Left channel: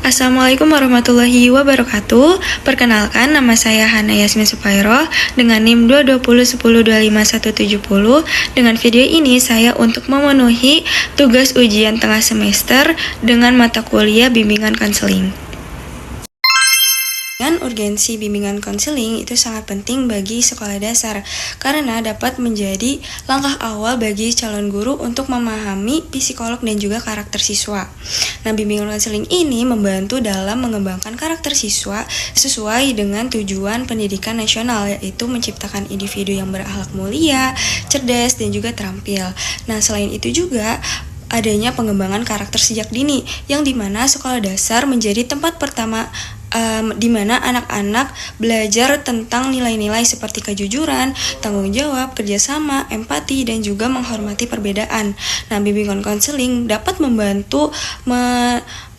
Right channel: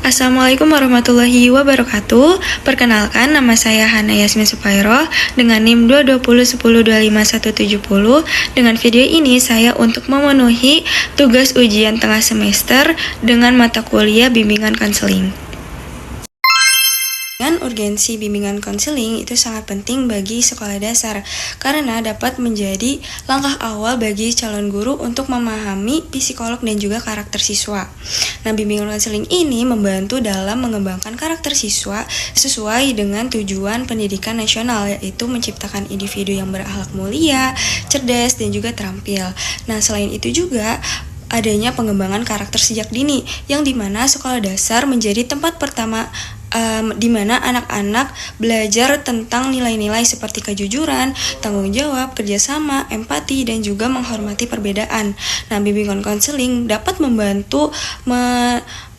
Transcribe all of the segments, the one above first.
Assalamualaikum warahmatullahi wabarakatuh. Perkenalkan, nama saya Hana Yasmin Supairoh dengan NIM 22010251170. Dengan video ini saya untuk memenuhi tugas ujian tengah semester dengan mata kuliah bimbingan konseling. Urgensi bimbingan konseling itu sangat penting bagi sekolah dasar karena dapat menjadi langkah awal bagi calon guru untuk memahami psikolog dan juga karakter siswa. Nah, bimbingan konseling ini membantu dalam mengembangkan karakter siswa sesuai dengan tujuan pendidikan nasional, yaitu menciptakan individu yang berakhlak mulia, cerdas, dan juga terampil. Nah, selain itu juga adanya pengembangan karakter sejak dini, yang dimana sekolah dasar menjadi tempat pertama di mana anak-anak belajar tentang nilai-nilai seperti kejujuran, tanggung jawab, kerjasama, empati, dan juga menghormati perbedaan. Nah, bimbingan konseling dapat membantu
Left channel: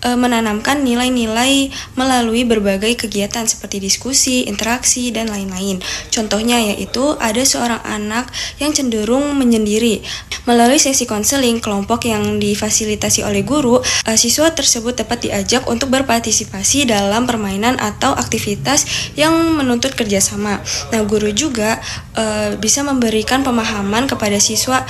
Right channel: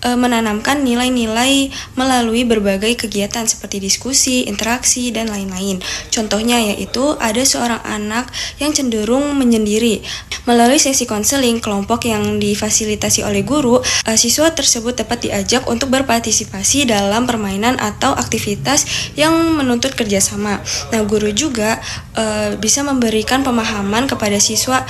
menanamkan nilai-nilai melalui berbagai kegiatan seperti diskusi, interaksi, dan lain-lain. Contohnya yaitu ada seorang anak yang cenderung menyendiri. Melalui sesi konseling kelompok yang difasilitasi oleh guru, siswa tersebut dapat diajak untuk berpartisipasi dalam permainan atau aktivitas yang menuntut kerjasama. Nah, guru juga bisa memberikan pemahaman kepada siswa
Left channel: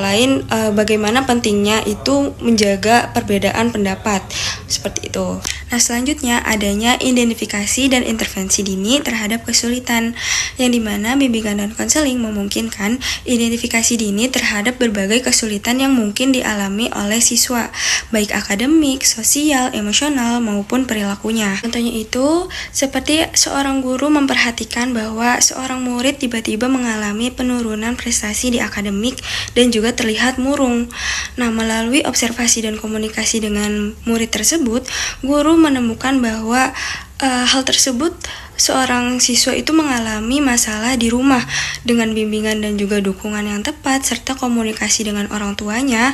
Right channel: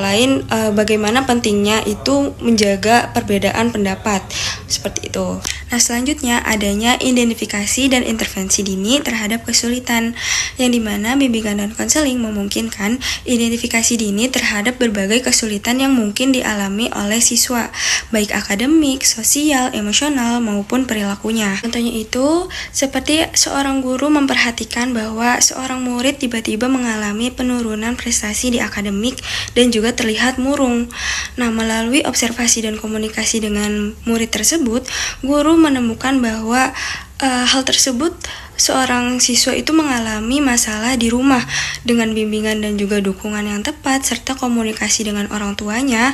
lain bagaimana pentingnya itu menjaga perbedaan pendapat. Seperti itu. Nah, selanjutnya adanya identifikasi dan intervensi dini terhadap kesulitan, yang dimana bimbingan dan konseling memungkinkan identifikasi dini terhadap berbagai kesulitan yang mungkin dialami oleh siswa, baik akademik, sosial, emosional, maupun perilakunya. Contohnya itu seperti seorang guru memperhatikan bahwa seorang murid tiba-tiba mengalami penurunan prestasi di akademik dan juga terlihat murung. Nah, melalui observasi dan komunikasi dengan murid tersebut, guru menemukan bahwa hal tersebut seorang siswa itu mengalami masalah di rumah. Dengan bimbingan dan juga dukungan yang tepat serta komunikasi dengan orang tuanya,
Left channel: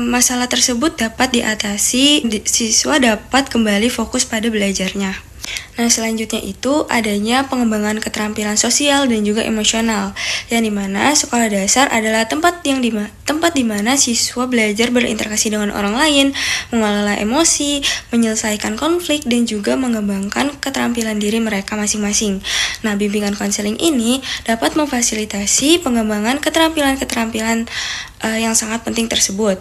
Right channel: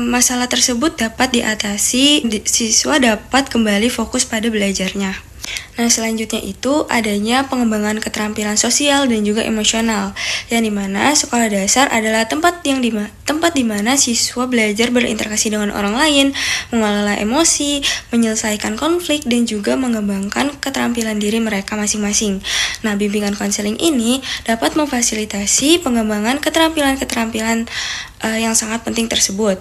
masalah tersebut dapat diatasi, siswa dapat kembali fokus pada belajarnya. Nah, selanjutnya itu adanya pengembangan keterampilan sosial dan juga emosional, yang dimana sekolah dasar adalah tempat di mana siswa belajar berinteraksi dengan orang lain, mengelola emosi, menyelesaikan konflik, dan juga mengembangkan keterampilan diri mereka masing-masing. Nah, bimbingan konseling ini dapat memfasilitasi pengembangan keterampilan-keterampilan yang sangat penting tersebut.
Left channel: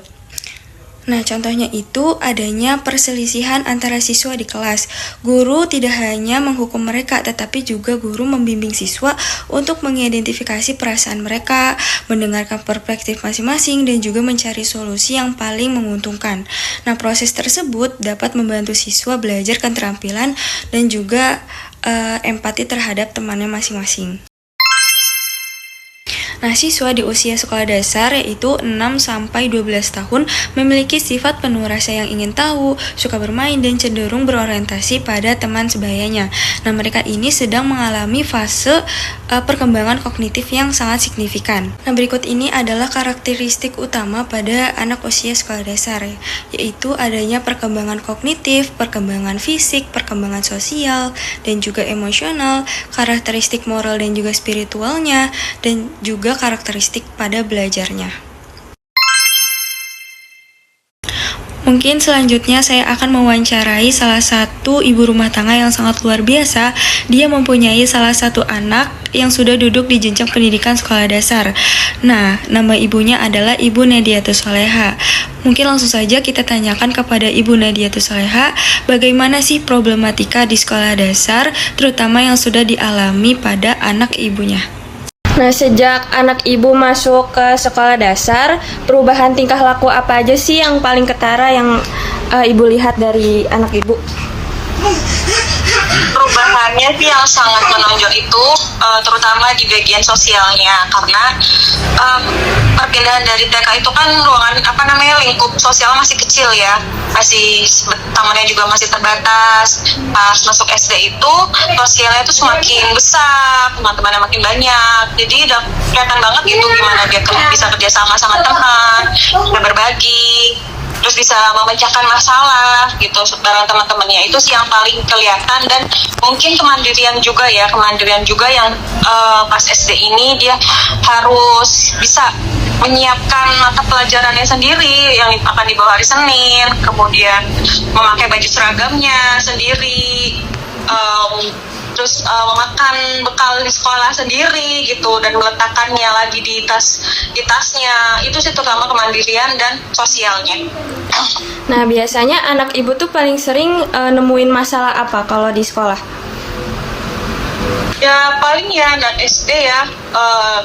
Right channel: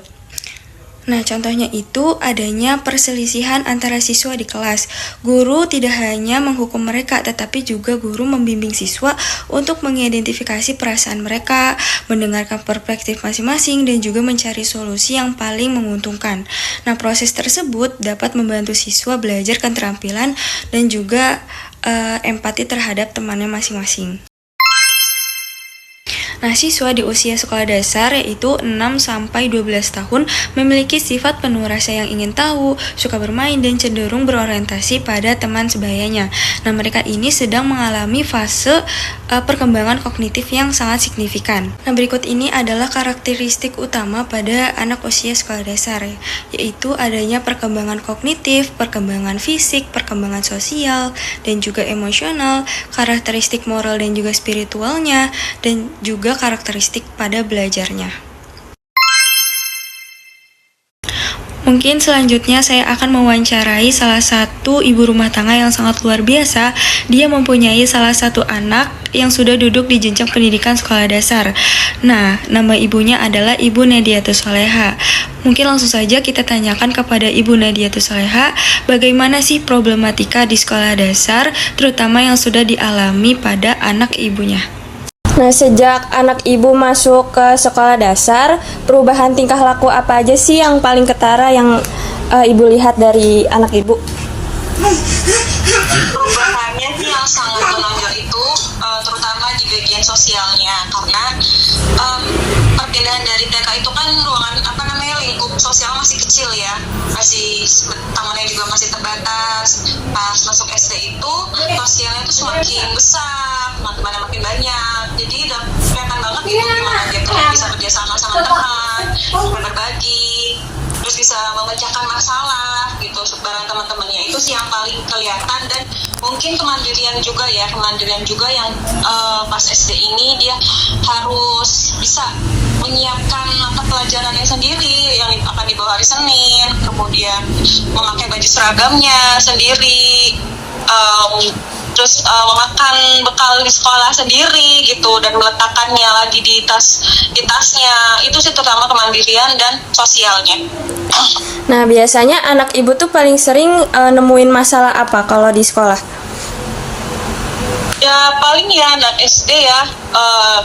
Nah, contohnya itu adanya perselisihan antara siswa di kelas. Guru tidak hanya menghukum mereka, tetapi juga guru membimbing siswa untuk mengidentifikasi perasaan mereka, mendengarkan perspektif masing-masing, dan juga mencari solusi yang paling menguntungkan. Nah, proses tersebut dapat membantu siswa belajar keterampilan dan juga empati terhadap temannya masing-masing. Nah, siswa di usia sekolah dasar yaitu 6-12 tahun memiliki sifat penuh rasa yang ingin tahu, suka bermain, dan cenderung berorientasi pada teman sebayanya. Nah, mereka ini sedang mengalami fase perkembangan kognitif yang sangat signifikan. Nah, berikut ini adalah karakteristik utama pada anak usia sekolah dasar, yaitu adanya perkembangan kognitif, perkembangan fisik, perkembangan sosial, dan juga emosional, karakteristik moral dan juga spiritualnya, dan juga karakteristik pada belajarnya. Mungkin selanjutnya saya akan mewawancarai salah satu ibu rumah tangga yang sangat luar biasa. Dia mempunyai salah satu anak yang sudah duduk di jenjang pendidikan sekolah dasar. Nah, nama ibunya adalah Ibu Nadiatus Soleha. Mungkin langsung saja kita tanyakan kepada Ibu Nadiatus Soleha, bagaimana sih problematika di sekolah dasar, terutama yang sudah dialami pada anak ibunya. Nah, sejak anak ibu masuk ke sekolah dasar, perubahan tingkah laku apa aja sih yang paling ketara yang ibu lihat dari anak ibu? Perubahannya sih yang sangat menonjol itu terutama di bagian sosialnya, karena perpindahan dari TK itu kan ruangan lingkup sosial masih kecil ya, masih tamannya juga masih terbatas. Pas masuk SD itu sosialnya itu semakin besar, teman-temannya makin banyak, jadi udah kelihatan banget gitu gimana dia bisa kerja sama teman, bisa berbagi, terus bisa memecahkan masalah gitu bareng teman-temannya. Itu sih yang paling kelihatan. Dan mungkin kemandirian juga yang pas SD ini dia harus bisa menyiapkan mata pelajarannya sendiri yang akan dibawa hari Senin, kemudian memakai baju seragamnya sendiri, terus memakan bekal di sekolah sendiri gitu, dan meletakkannya lagi di tasnya. Itu sih terutama kemandirian dan sosialnya. Nah, biasanya anak ibu tuh paling sering nemuin masalah apa kalau di sekolah? Ya paling ya anak SD ya,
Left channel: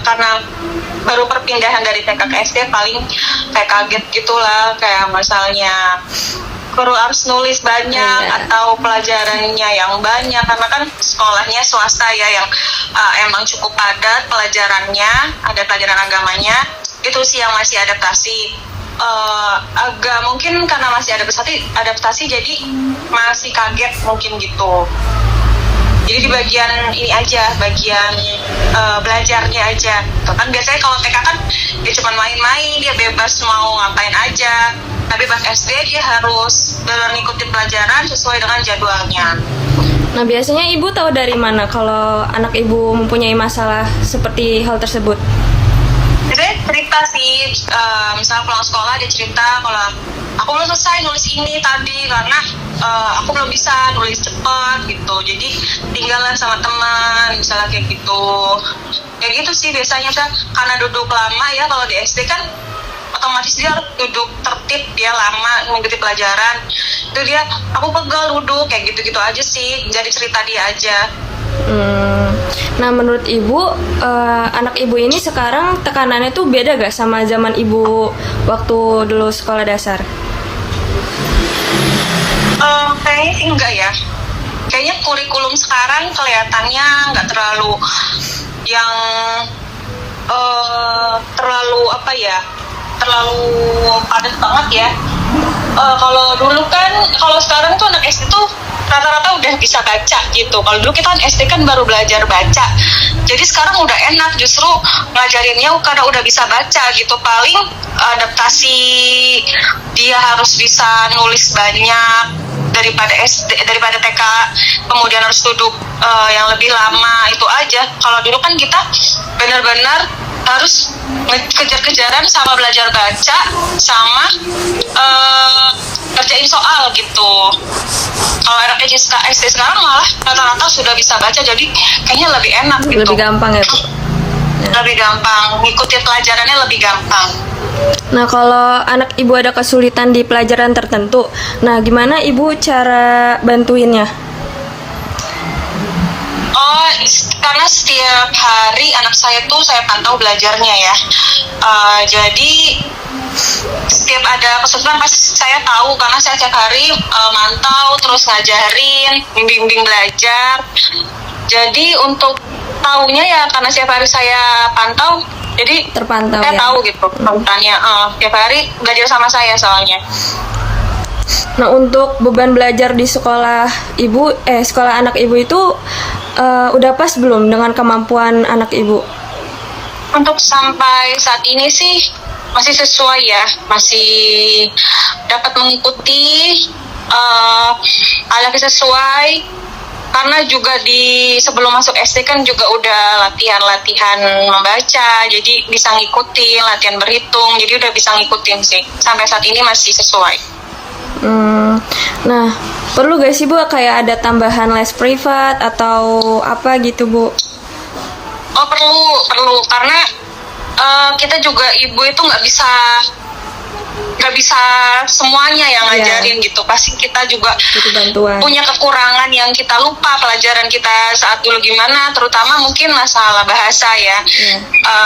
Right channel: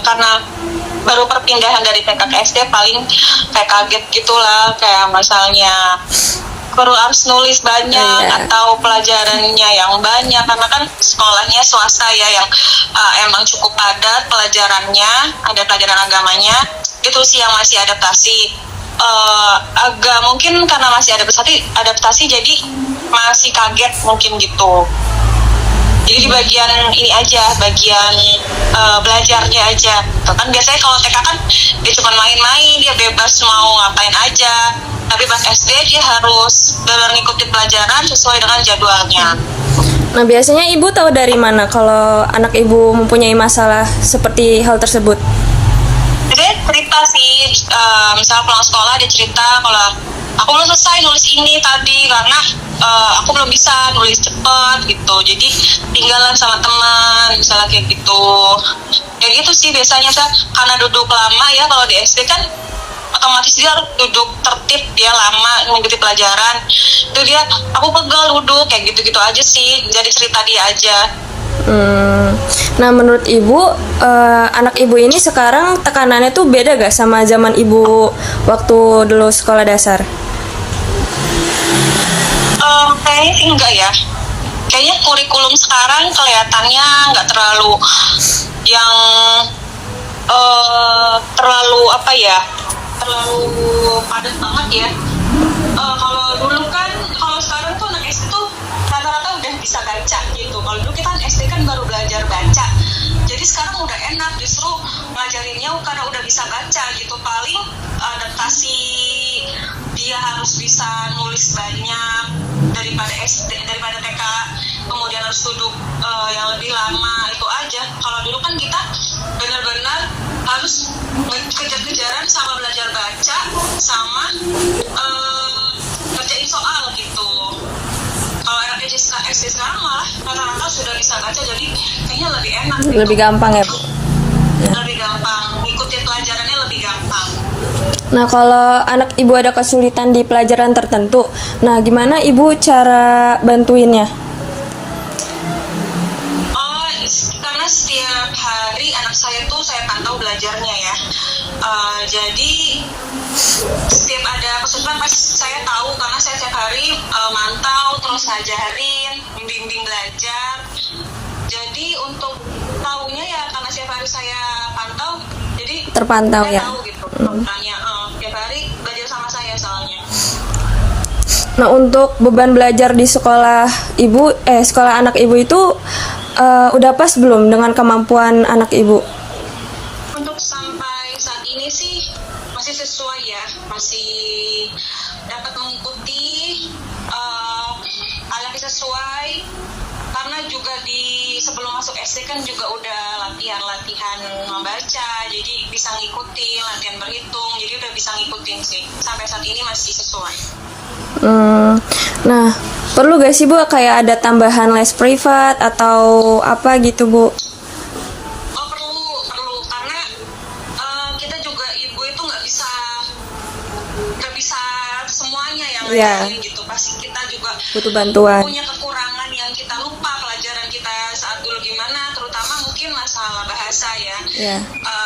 karena baru perpindahan dari TK ke SD, paling kayak kaget gitulah, kayak misalnya harus nulis banyak atau pelajarannya yang banyak, karena kan sekolahnya swasta ya, yang emang cukup padat pelajarannya, ada pelajaran agamanya. Itu sih yang masih adaptasi, agak mungkin karena masih adaptasi jadi masih kaget mungkin gitu. Jadi di bagian ini aja, bagian belajarnya aja. Kan biasanya kalau TK kan dia cuma main-main, dia bebas mau ngapain aja. Tapi pas SD dia harus benar ngikutin pelajaran sesuai dengan jadwalnya. Nah, biasanya ibu tahu dari mana kalau anak ibu mempunyai masalah seperti hal tersebut? Dia cerita sih, misalnya pulang sekolah dia cerita kalau aku belum selesai nulis ini tadi karena aku belum bisa nulis cepet gitu, jadi tinggalan sama teman, misalnya kayak gitu. Kayak gitu sih biasanya karena duduk lama ya, kalau di SD kan otomatis dia harus duduk tertib, dia lama mengikuti pelajaran. Itu dia, aku pegel duduk, kayak gitu-gitu aja sih, jadi cerita dia aja. Nah, menurut ibu, anak ibu ini sekarang tekanannya tuh beda gak sama zaman ibu waktu dulu sekolah dasar? Kayaknya sih enggak ya. Kayaknya kurikulum sekarang kelihatannya nggak terlalu yang terlalu apa ya, terlalu padat banget ya. Kalau dulu kan, kalau sekarang tuh anak SD tuh rata-rata udah bisa baca gitu. Kalau dulu kita kan SD kan baru belajar baca. Jadi sekarang udah enak justru ngajarinnya karena udah bisa baca gitu. Paling adaptasi dia harus bisa nulis banyak daripada daripada TK, kemudian harus duduk yang lebih lama, itu aja. Kalau dulu kan kita benar-benar harus kejar-kejaran sama belajar baca sama kerjain soal gitu. Kalau anak SD sekarang malah rata-rata sudah bisa baca, jadi kayaknya lebih enak gitu. Lebih gampang ya, Bu? Ya. Lebih gampang, ngikutin pelajarannya lebih gampang. Nah, kalau anak ibu ada kesulitan di pelajaran tertentu, nah gimana ibu cara bantuinnya? Karena setiap hari anak saya tuh saya pantau belajarnya ya. Jadi setiap ada kesulitan pasti saya tahu, karena saya setiap hari mantau, terus ngajarin, bimbing belajar. Jadi untuk tahunya ya karena setiap hari saya pantau, jadi terpantau saya ya? tahu gitu pantauannya. Setiap hari belajar sama saya soalnya. Nah, untuk beban belajar di sekolah anak ibu itu udah pas belum dengan kemampuan anak ibu? Untuk sampai saat ini sih masih sesuai ya, masih dapat mengikuti alhamdulillah sesuai, karena juga di sebelum masuk SD kan juga udah latihan membaca, jadi bisa ngikutin, latihan berhitung, jadi udah bisa ngikutin sih, sampai saat ini masih sesuai. Nah, perlu gak sih Bu kayak ada tambahan les privat atau apa gitu Bu? Oh perlu karena kita juga ibu itu nggak bisa semuanya yang ngajarin gitu. Pasti kita juga punya kekurangan yang kita lupa pelajaran kita saat dulu gimana, terutama mungkin masalah bahasa ya,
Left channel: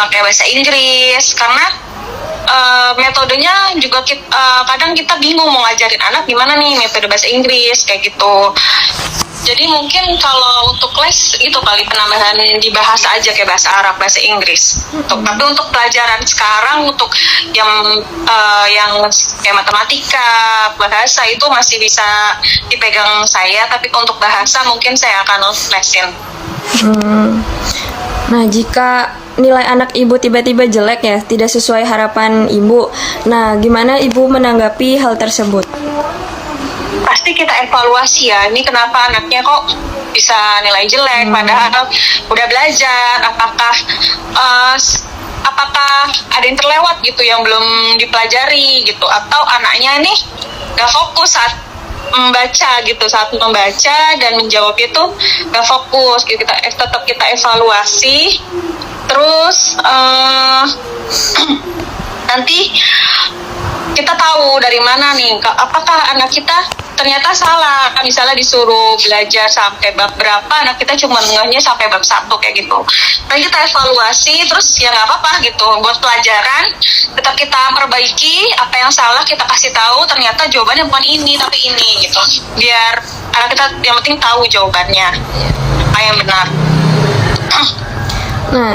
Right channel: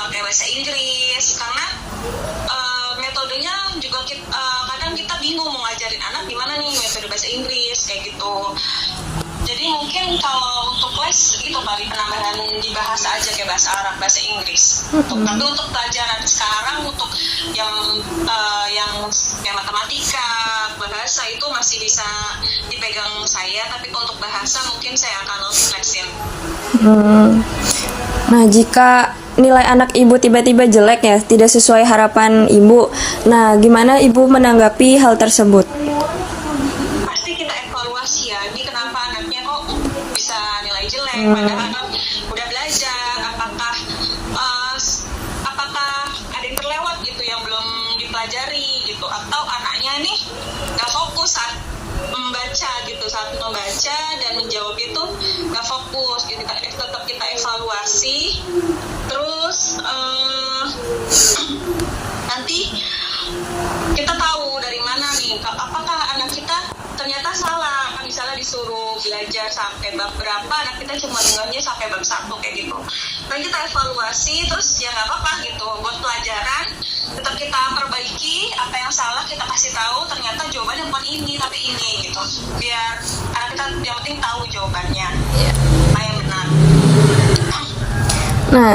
kayak bahasa Inggris, karena metodenya juga kadang kita bingung mau ngajarin anak gimana nih metode bahasa Inggris kayak gitu. Jadi mungkin kalau untuk les itu kali penambahan di bahasa aja, kayak bahasa Arab, bahasa Inggris. Tapi untuk pelajaran sekarang untuk yang kayak matematika, bahasa itu masih bisa dipegang saya, tapi untuk bahasa mungkin saya akan lesin. Nah, jika nilai anak ibu tiba-tiba jelek ya, tidak sesuai harapan ibu, nah gimana ibu menanggapi hal tersebut? Pasti kita evaluasi ya, ini kenapa anaknya kok bisa nilai jelek padahal udah belajar, apakah apakah ada yang terlewat gitu yang belum dipelajari gitu, atau anaknya nih nggak fokus saat membaca dan menjawab itu nggak fokus gitu. Tetap kita evaluasi terus nanti kita tahu dari mana nih apakah anak kita ternyata salah. Misalnya disuruh belajar sampai bab berapa, anak kita cuma ngehnya sampai bab 1 kayak gitu. Nah kita evaluasi terus ya nggak apa-apa gitu, buat pelajaran tetap kita perbaiki. Apa yang salah kita kasih tahu, ternyata jawabannya bukan ini tapi ini gitu, biar anak kita yang penting tahu jawabannya apa yang benar. Nah,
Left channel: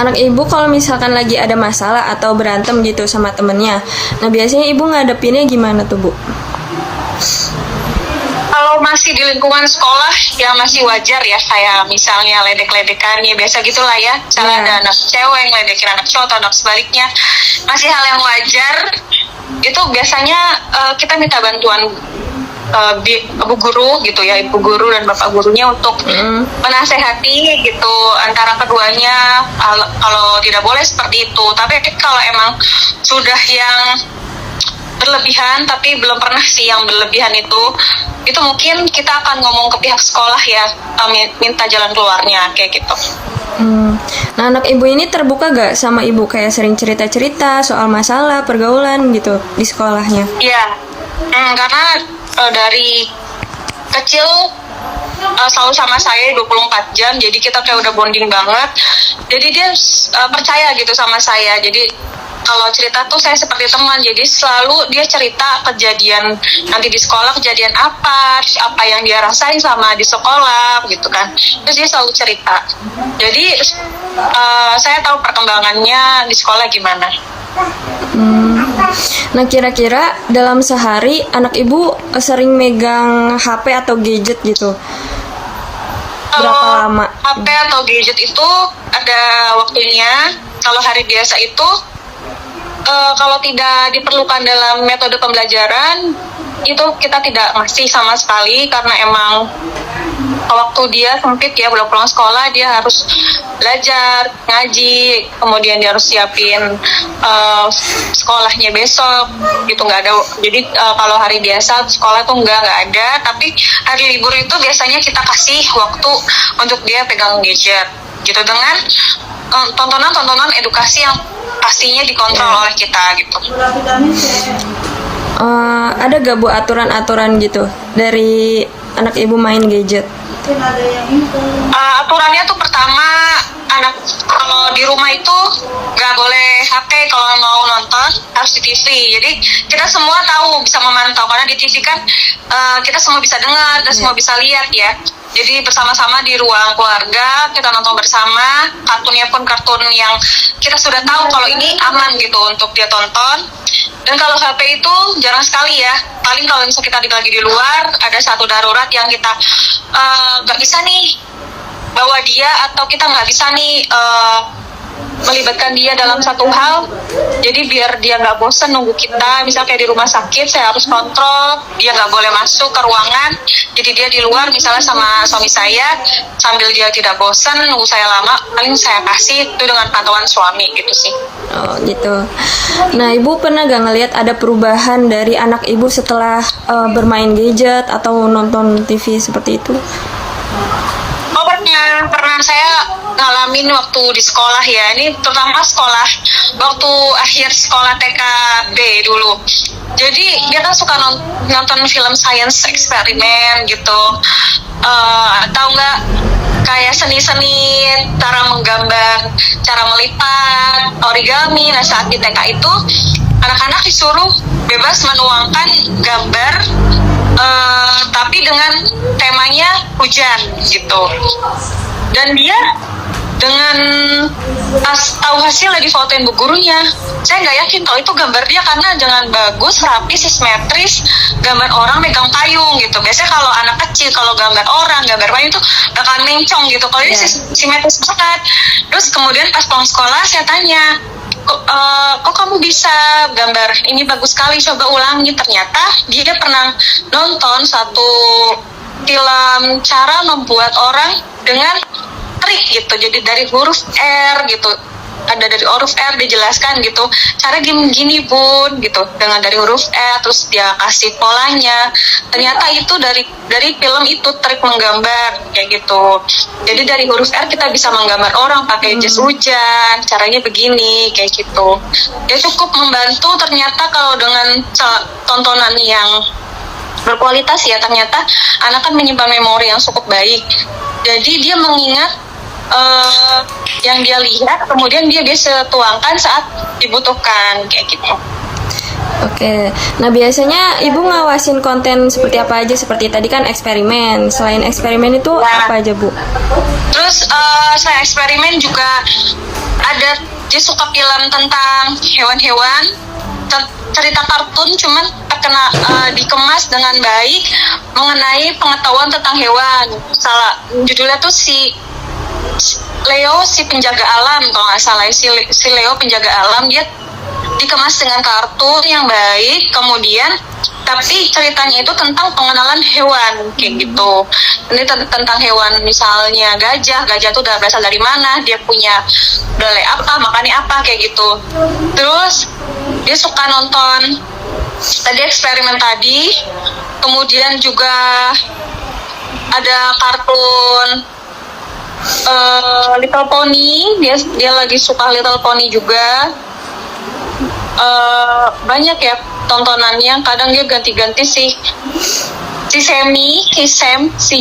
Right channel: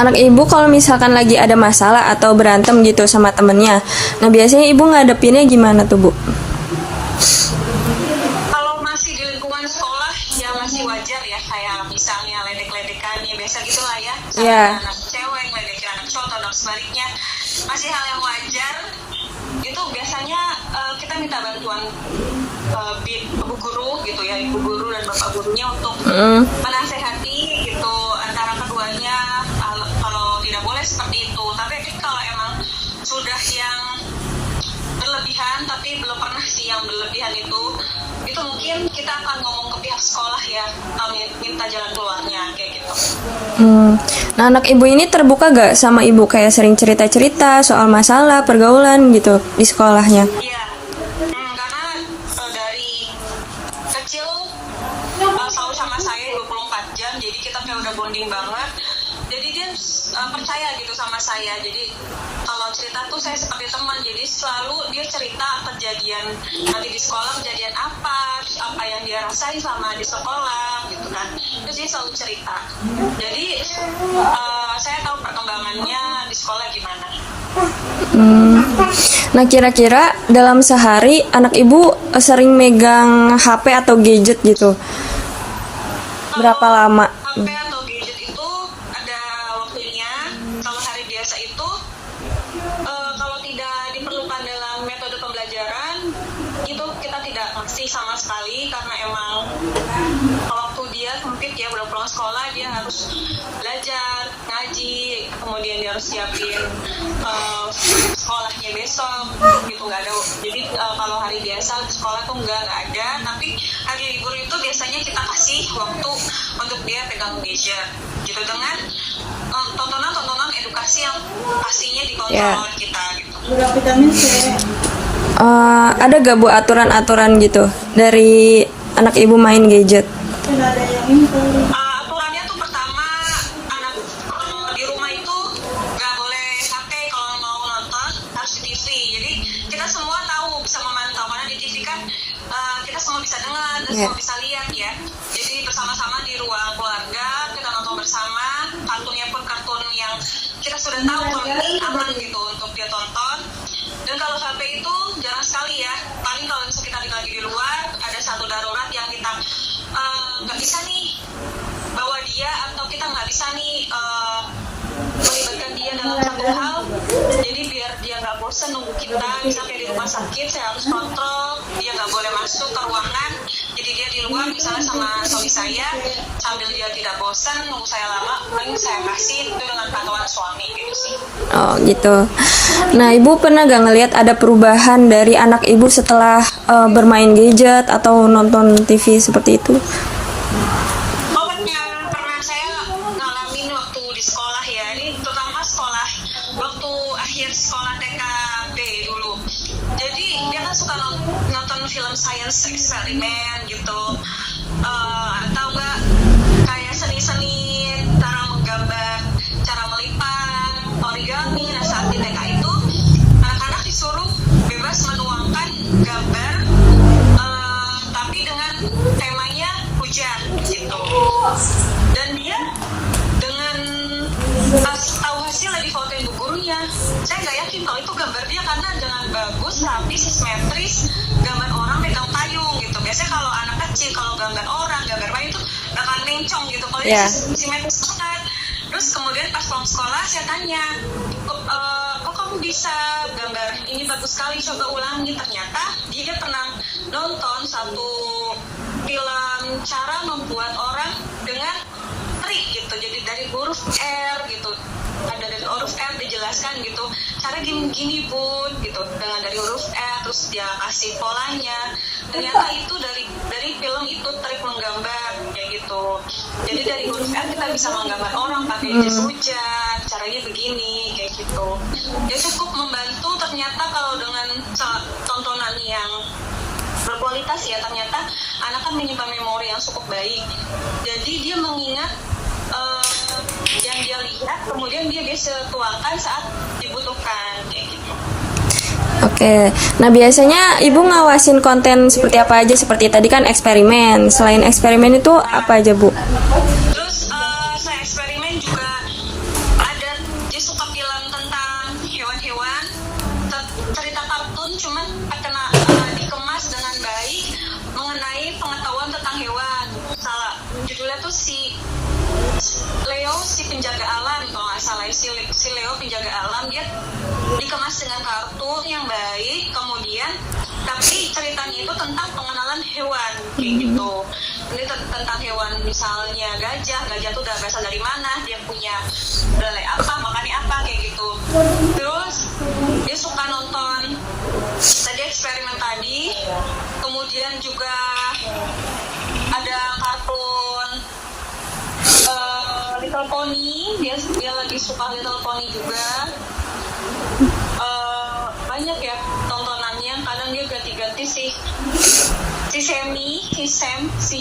anak ibu kalau misalkan lagi ada masalah atau berantem gitu sama temennya, nah biasanya ibu ngadepinnya gimana tuh, Bu? Kalau masih di lingkungan sekolah ya masih wajar ya, kayak misalnya ledek-ledekan ya biasa gitulah ya. Misalnya ada anak cewek ngeledekin anak cowok atau anak sebaliknya, masih hal yang wajar. Itu biasanya kita minta bantuan ibu guru gitu ya, ibu guru dan bapak gurunya untuk menasehati gitu antara keduanya. Kalau tidak boleh seperti itu, tapi kalau emang sudah yang berlebihan, tapi belum pernah sih yang berlebihan itu mungkin kita akan ngomong ke pihak sekolah ya, minta jalan keluarnya kayak gitu. Nah, anak ibu ini terbuka gak sama ibu, kayak sering cerita-cerita soal masalah pergaulan gitu di sekolahnya? Iya, karena dari kecil selalu sama saya 24 jam, jadi kita kayak udah bonding banget. Jadi dia percaya gitu sama saya. Jadi kalau cerita tuh saya seperti teman, jadi selalu dia cerita kejadian nanti di sekolah, kejadian apa yang dia rasain sama di sekolah gitu kan. Terus dia selalu cerita. Jadi saya tahu perkembangannya di sekolah gimana. Nah, kira-kira dalam sehari anak ibu sering megang HP atau gadget gitu? Berapa lama? HP atau gadget itu ada waktunya. Kalau hari biasa itu kalau tidak diperlukan dalam metode pembelajaran itu kita tidak ngasih sama sekali, karena emang waktu dia sempit ya, pulang sekolah dia harus belajar, ngaji, kemudian dia harus siapin sekolahnya besok gitu, nggak ada. Jadi kalau hari biasa sekolah tuh nggak ada, tapi hari libur itu biasanya kita kasih waktu untuk dia pegang gadget gitu, dengan tontonan edukasi yang pastinya dikontrol oleh kita gitu. Ada gak Bu aturan-aturan gitu dari anak ibu main gadget? Aturannya tuh pertama, anak kalau di rumah itu nggak boleh HP, kalau mau nonton harus di TV. Jadi kita semua tahu, bisa memantau, karena di TV kan kita semua bisa dengar dan semua bisa lihat ya. Jadi bersama-sama di ruang keluarga kita nonton bersama, kartunnya pun kartun yang kita sudah tahu kalau ini aman gitu untuk dia tonton. Dan kalau HP itu jarang sekali ya, paling kalau misalnya kita lagi di luar, ada satu darurat yang kita nggak bisa nih bawa dia, atau kita nggak bisa nih melibatkan dia dalam satu hal. Jadi biar dia nggak bosan nunggu kita, misalnya kayak di rumah sakit saya harus kontrol, dia nggak boleh masuk ke ruangan, jadi dia di luar misalnya sama suami saya, sambil dia tidak bosan nunggu saya lama, paling saya kasih itu dengan pantauan suami gitu sih. Oh gitu. Nah, ibu pernah gak ngelihat ada perubahan dari anak ibu setelah bermain gadget atau nonton TV seperti itu? Oh pernah saya ngalamin waktu di sekolah ya, ini terutama sekolah waktu akhir sekolah TKB dulu. Jadi dia kan suka nonton film science eksperimen gitu, atau enggak kayak seni-seni, cara menggambar, cara melipat, origami. Nah saat di TK itu anak-anak disuruh bebas menuangkan gambar, tapi dengan temanya hujan gitu. Dan dia dengan tahu hasilnya difotoin bu gurunya, saya nggak yakin kalau itu gambar dia, karena dengan bagus, rapi, simetris, gambar orang megang payung gitu. Biasanya kalau anak kecil kalau gambar orang, gambar payung itu bakal mencong gitu. Kalau ini simetris banget. Terus kemudian pas pulang sekolah saya tanya, kok kamu bisa gambar ini bagus sekali, coba ulangi. Ternyata dia pernah nonton satu film cara membuat orang dengan trik gitu, jadi dari huruf R gitu ada dari huruf R dijelaskan gitu, cara gini bun gitu, dengan dari huruf R, terus dia kasih polanya. Ternyata itu dari film itu trik menggambar kayak gitu. Jadi dari huruf R kita bisa menggambar orang pakai jas hujan, caranya begini kayak gitu. Ya cukup membantu ternyata kalau dengan tontonan yang berkualitas ya, ternyata anak kan menyimpan memori yang cukup baik. Jadi dia mengingat yang dia lihat, kemudian dia bisa tuangkan saat dibutuhkan kayak gitu. Oke, nah biasanya ibu ngawasin konten seperti apa aja? Seperti tadi kan eksperimen. Selain eksperimen itu apa aja, Bu? Terus saya eksperimen juga ada, dia suka film tentang hewan-hewan, cerita kartun, cuman dikemas dengan baik mengenai pengetahuan tentang hewan. Judulnya tuh si Leo si penjaga alam, kalau nggak salah si Leo penjaga alam. Dia dikemas dengan kartun yang baik, kemudian tapi ceritanya itu tentang pengenalan hewan kayak gitu. Ini tentang hewan, misalnya gajah itu udah berasal dari mana, dia punya belai apa, makannya apa kayak gitu. Terus dia suka nonton tadi eksperimen tadi, kemudian juga ada kartun Little Pony, dia lagi suka Little Pony juga. Banyak ya tontonannya, kadang dia ganti-ganti sih. Si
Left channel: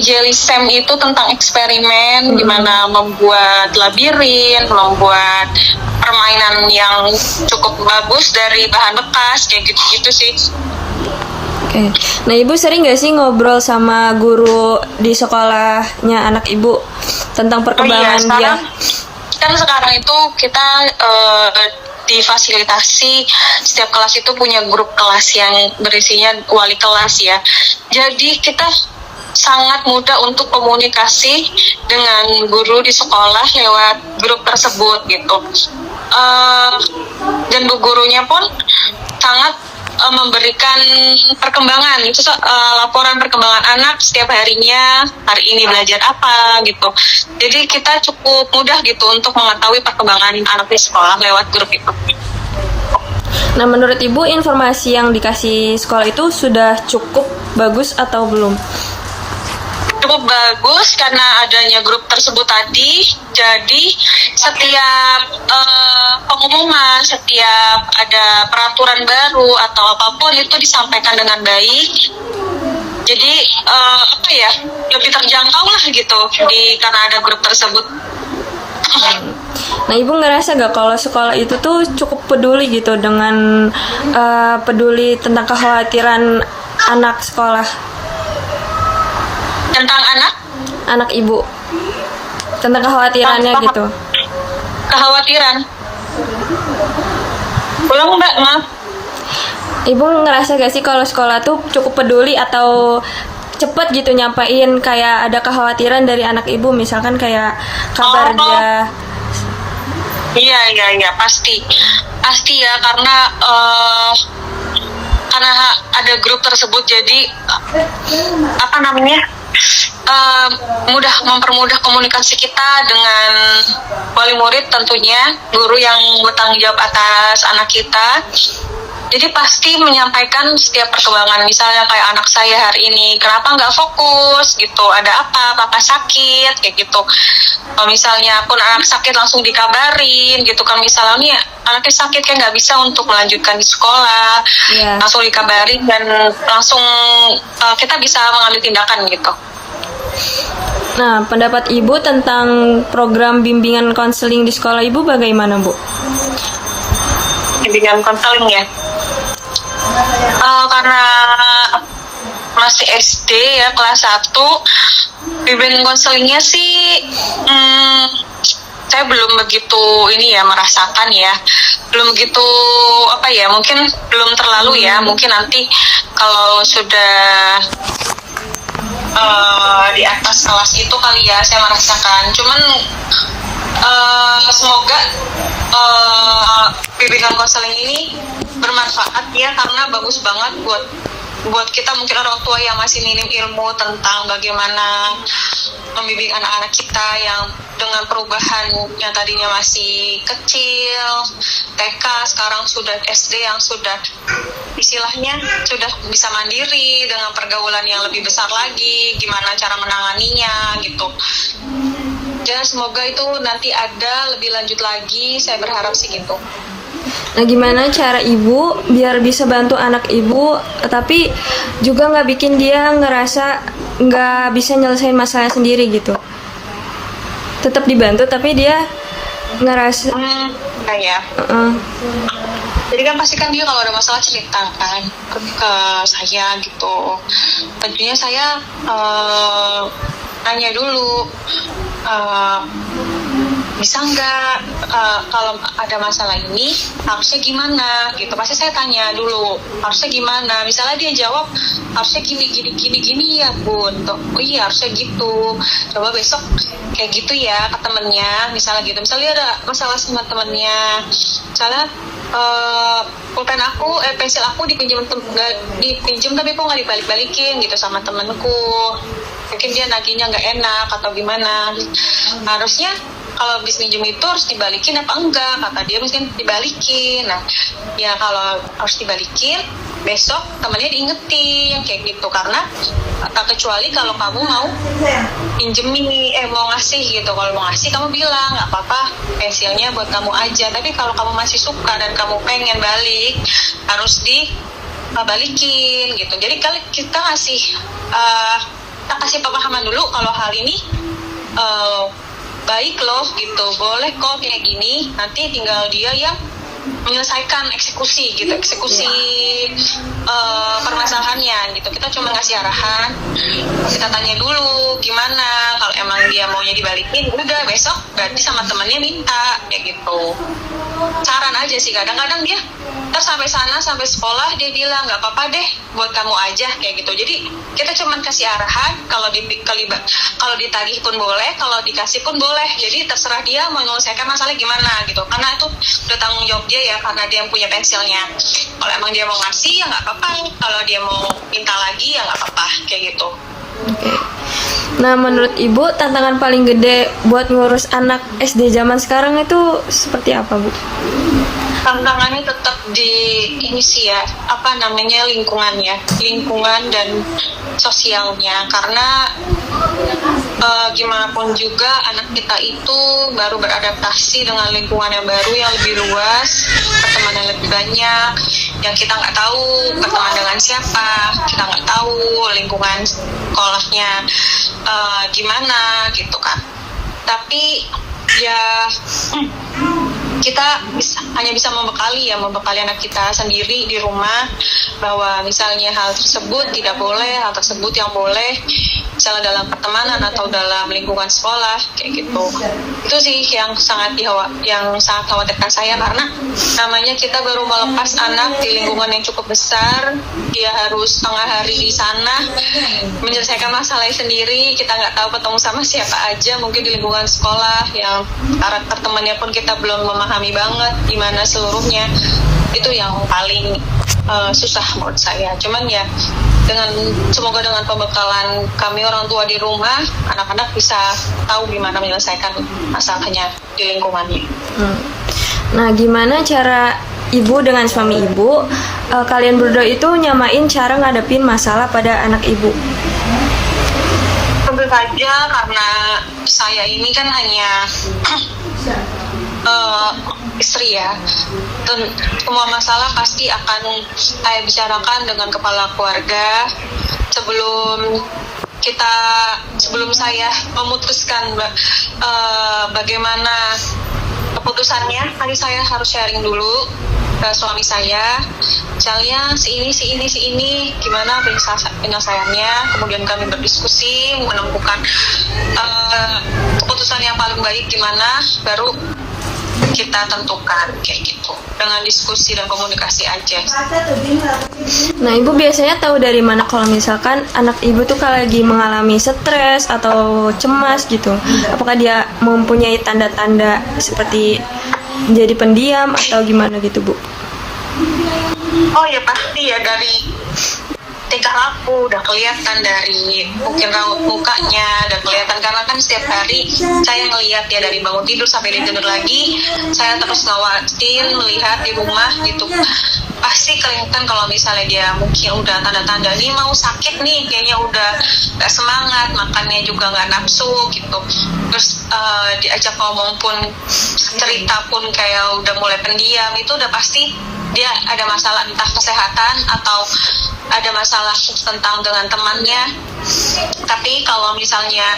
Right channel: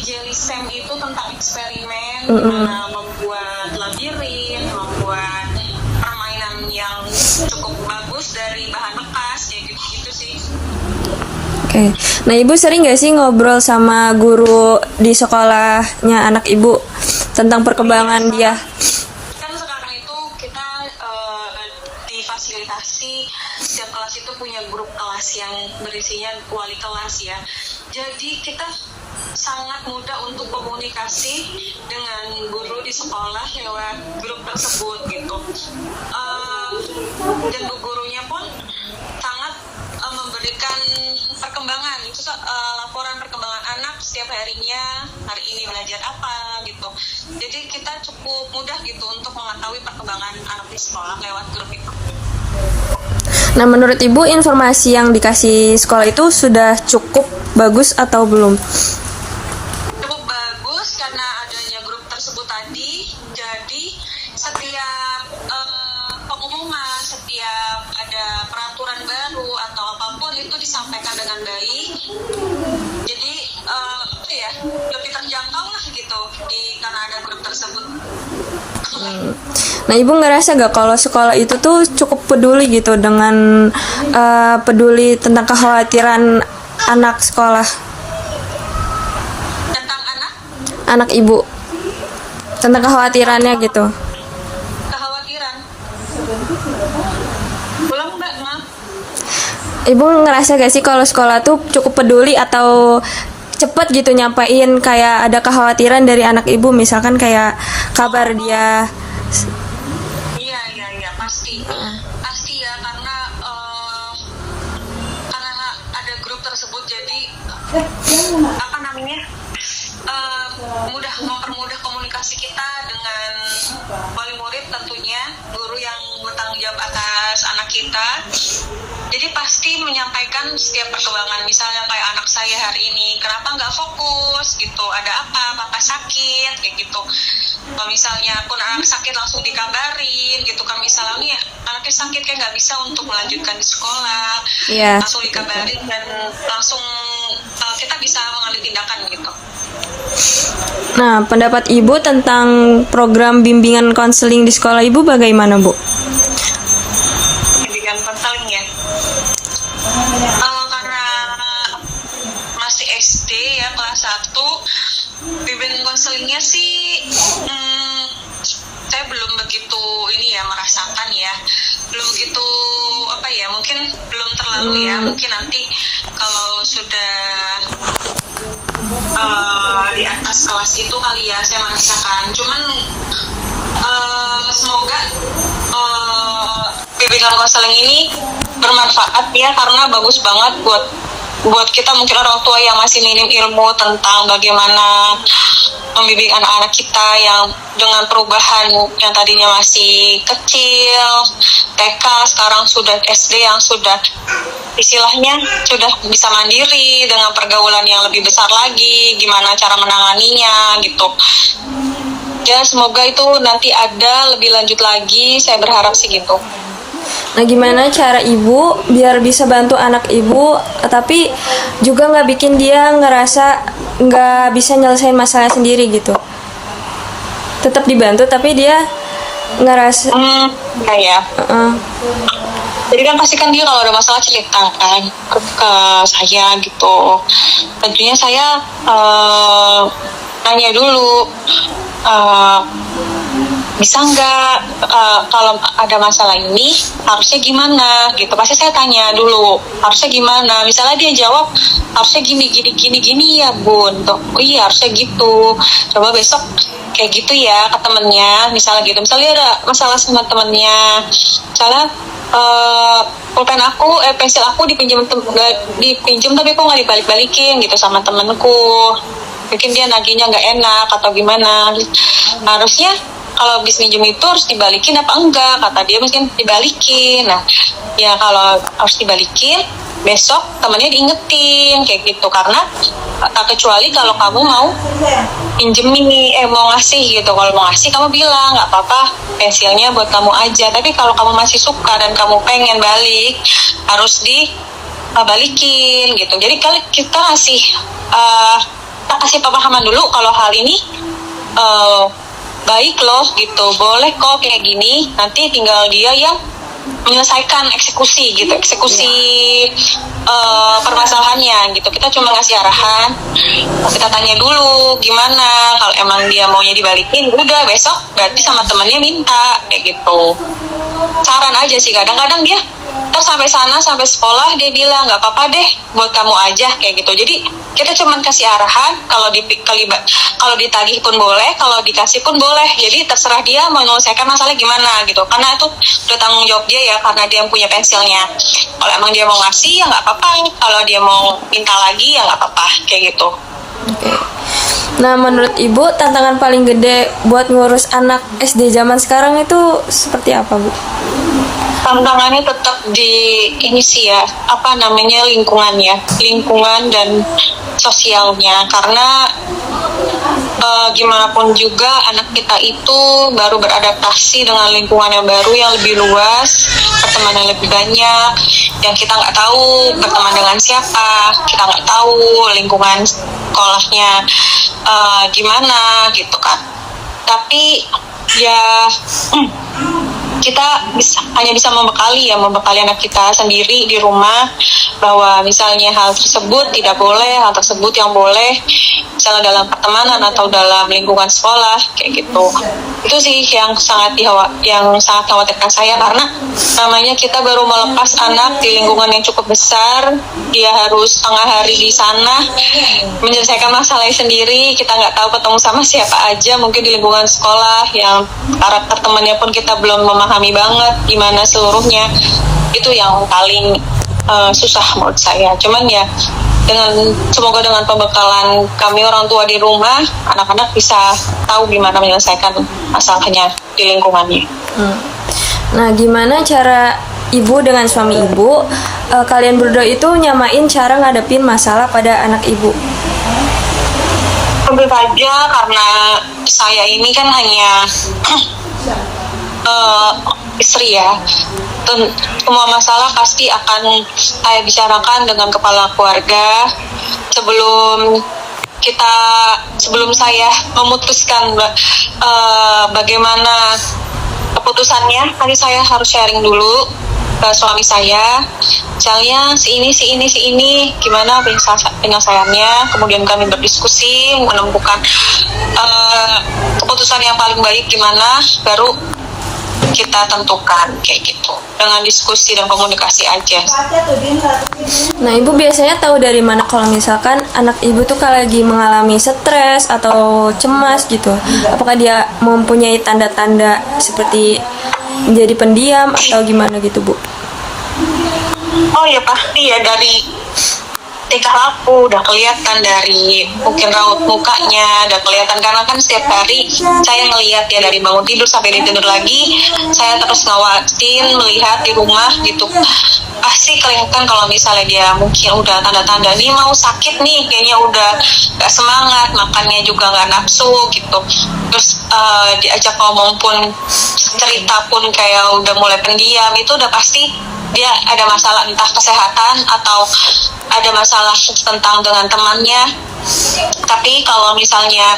Jelly Sam itu tentang eksperimen, gimana membuat labirin, membuat permainan yang cukup bagus dari bahan bekas kayak gitu-gitu sih. Oke. Nah, ibu sering nggak sih ngobrol sama guru di sekolahnya anak ibu tentang perkembangan dia? Kan sekarang itu kita difasilitasi, setiap kelas itu punya grup kelas yang berisinya wali kelas ya. Jadi kita sangat mudah untuk komunikasi dengan guru di sekolah lewat grup tersebut gitu. Dan bu gurunya pun sangat memberikan perkembangan itu, laporan perkembangan anak setiap harinya, hari ini belajar apa gitu. Jadi kita cukup mudah gitu untuk mengetahui perkembangan anak di sekolah lewat grup itu. Nah, menurut ibu informasi yang dikasih sekolah itu sudah cukup bagus atau belum? Cukup bagus karena adanya grup tersebut tadi. Jadi setiap pengumuman, setiap ada peraturan baru atau apapun itu disampaikan dengan baik. Jadi lebih terjangkau lah gitu karena ada grup tersebut. Nah, ibu ngerasa gak kalau sekolah itu tuh cukup peduli gitu dengan peduli tentang kekhawatiran anak sekolah? Tentang anak ibu, tentang kekhawatirannya gitu. Kekhawatiran. Ulang Mbak, maaf. Ibu ngerasa gak sih kalau sekolah tuh cukup peduli atau cepet gitu nyampein kayak ada kekhawatiran dari anak ibu, misalkan kayak kabar dia? Iya, pasti ya, karena ada grup tersebut, jadi mempermudah komunikasi kita dengan wali murid, tentunya guru yang bertanggung jawab atas anak kita. Jadi pasti menyampaikan setiap perkembangan, misalnya kayak anak saya hari ini kenapa nggak fokus gitu, ada apa, papa sakit kayak gitu. Kalau misalnya pun anak sakit langsung dikabarin gitu kan, misalnya anaknya sakit kan nggak bisa untuk melanjutkan di sekolah, langsung dikabarin dan langsung kita bisa mengambil tindakan gitu. Nah, pendapat ibu tentang program bimbingan konseling di sekolah ibu bagaimana, Bu? Bimbingan konseling ya, karena masih SD ya, kelas 1, bimbingan konselingnya sih saya belum begitu merasakan ya, belum begitu mungkin belum terlalu ya, mungkin nanti kalau sudah di atas kelas itu kali ya saya merasakan. Cuman semoga bimbingan konseling ini bermanfaat ya, karena bagus banget buat buat kita mungkin orang tua yang masih minim ilmu tentang bagaimana membimbing anak-anak kita yang dengan perubahan yang tadinya masih kecil, TK, sekarang sudah SD yang sudah istilahnya sudah bisa mandiri dengan pergaulan yang lebih besar lagi, gimana cara menanganinya gitu. Ya semoga itu nanti ada lebih lanjut lagi, saya berharap sih gitu. Nah, gimana cara ibu biar bisa bantu anak ibu, tapi juga nggak bikin dia ngerasa nggak bisa nyelesain masalah sendiri gitu? Tetap dibantu, tapi dia ngerasa. Ya. Jadi kan pasti kan dia kalau ada masalah cerita kan ke saya gitu. Tentunya saya tanya dulu. Bisa nggak kalau ada masalah ini harusnya gimana gitu, pasti saya tanya dulu harusnya gimana. Misalnya dia jawab harusnya gini ya bun, oh iya harusnya gitu, coba besok kayak gitu ya ke temennya, misalnya gitu. Misalnya ada masalah sama temennya, misalnya pulpen aku, pensil aku dipinjam tapi kok nggak dibalik-balikin gitu sama temenku, mungkin dia nagihnya nggak enak atau gimana. Harusnya kalau habis minjem itu harus dibalikin apa enggak, kata dia mungkin dibalikin. Nah ya kalau harus dibalikin, besok temennya diingetin kayak gitu. Karena tak kecuali kalau kamu mau pinjemin, mau ngasih gitu. Kalau mau ngasih kamu bilang nggak apa-apa, pensilnya buat kamu aja. Tapi kalau kamu masih suka dan kamu pengen balik, harus dibalikin gitu. Jadi kalau kita kasih pemahaman dulu kalau hal ini baik loh gitu, boleh kok kayak gini, nanti tinggal dia yang menyelesaikan eksekusi permasalahannya gitu. Kita cuma ngasih arahan, kita tanya dulu gimana, kalau emang dia maunya dibalikin udah besok berarti sama temennya minta kayak gitu. Saran aja sih, kadang-kadang dia sampai sana, sampai sekolah dia bilang nggak apa-apa deh buat kamu aja kayak gitu. Jadi kita cuma kasih arahan, kalau ditagih pun boleh, kalau dikasih pun boleh. Jadi terserah dia mau menyelesaikan masalah gimana gitu, karena itu udah tanggung jawab dia ya, karena dia yang punya pensilnya. Kalau emang dia mau ngasih ya nggak apa-apa, kalau dia mau minta lagi ya nggak apa-apa kayak gitu. Oke. Nah, menurut ibu tantangan paling gede buat ngurus anak SD zaman sekarang itu seperti apa, Bu? Tantangannya tetap di ini sih ya, lingkungan dan sosialnya. Karena gimana pun juga anak kita itu baru beradaptasi dengan lingkungan yang baru yang lebih luas, pertemanan yang lebih banyak, yang kita nggak tahu berteman dengan siapa, kita nggak tahu lingkungan sekolahnya gimana gitu kan. Tapi ya kita hanya bisa membekali anak kita sendiri di rumah, bahwa misalnya hal tersebut tidak boleh, hal tersebut yang boleh, misalnya dalam pertemanan atau dalam lingkungan sekolah kayak gitu. Itu sih yang sangat khawatirkan saya, karena namanya kita baru melepas anak di lingkungan yang cukup besar, dia harus setengah hari di sana menyelesaikan masalahnya sendiri. Kita nggak tahu ketemu sama siapa aja, mungkin di lingkungan sekolah yang karakter temannya pun kita belum memahami banget gimana seluruhnya. Itu yang paling susah menurut saya. Cuman ya semoga dengan pembekalan kami orang tua di rumah, anak-anak bisa tahu gimana menyelesaikan masalahnya di lingkungannya. Nah, gimana cara ibu dengan suami ibu, kalian berdua itu nyamain cara ngadepin masalah pada anak ibu? Tentu saja karena saya ini kan hanya istri ya, semua masalah pasti akan saya bicarakan dengan kepala keluarga sebelum saya memutuskan bagaimana keputusannya. Tadi saya harus sharing dulu ke suami saya, misalnya si ini gimana penyelesaiannya, kemudian kami berdiskusi menemukan keputusan yang paling baik gimana, baru kita tentukan kayak gitu, dengan diskusi dan komunikasi aja. Nah, ibu biasanya tahu dari mana kalau misalkan anak ibu tuh kalau lagi mengalami stres atau cemas gitu? Apakah dia mempunyai tanda-tanda seperti menjadi pendiam atau gimana gitu, Bu? Oh ya pasti ya, dari tingkah laku udah kelihatan dari mungkin raut mukanya, udah kelihatan karena kan setiap hari saya ngelihat ya dari bangun tidur sampai dia tidur lagi, saya terus ngawasin melihat di rumah gitu. Pasti kelihatan kalau misalnya dia mungkin udah tanda-tanda nih mau sakit nih, kayaknya udah gak semangat, makannya juga gak nafsu gitu. Terus diajak ngomong pun, cerita pun kayak udah mulai pendiam, itu udah pasti dia ada masalah entah kesehatan atau ada masalah tentang dengan temannya. Tapi kalau misalnya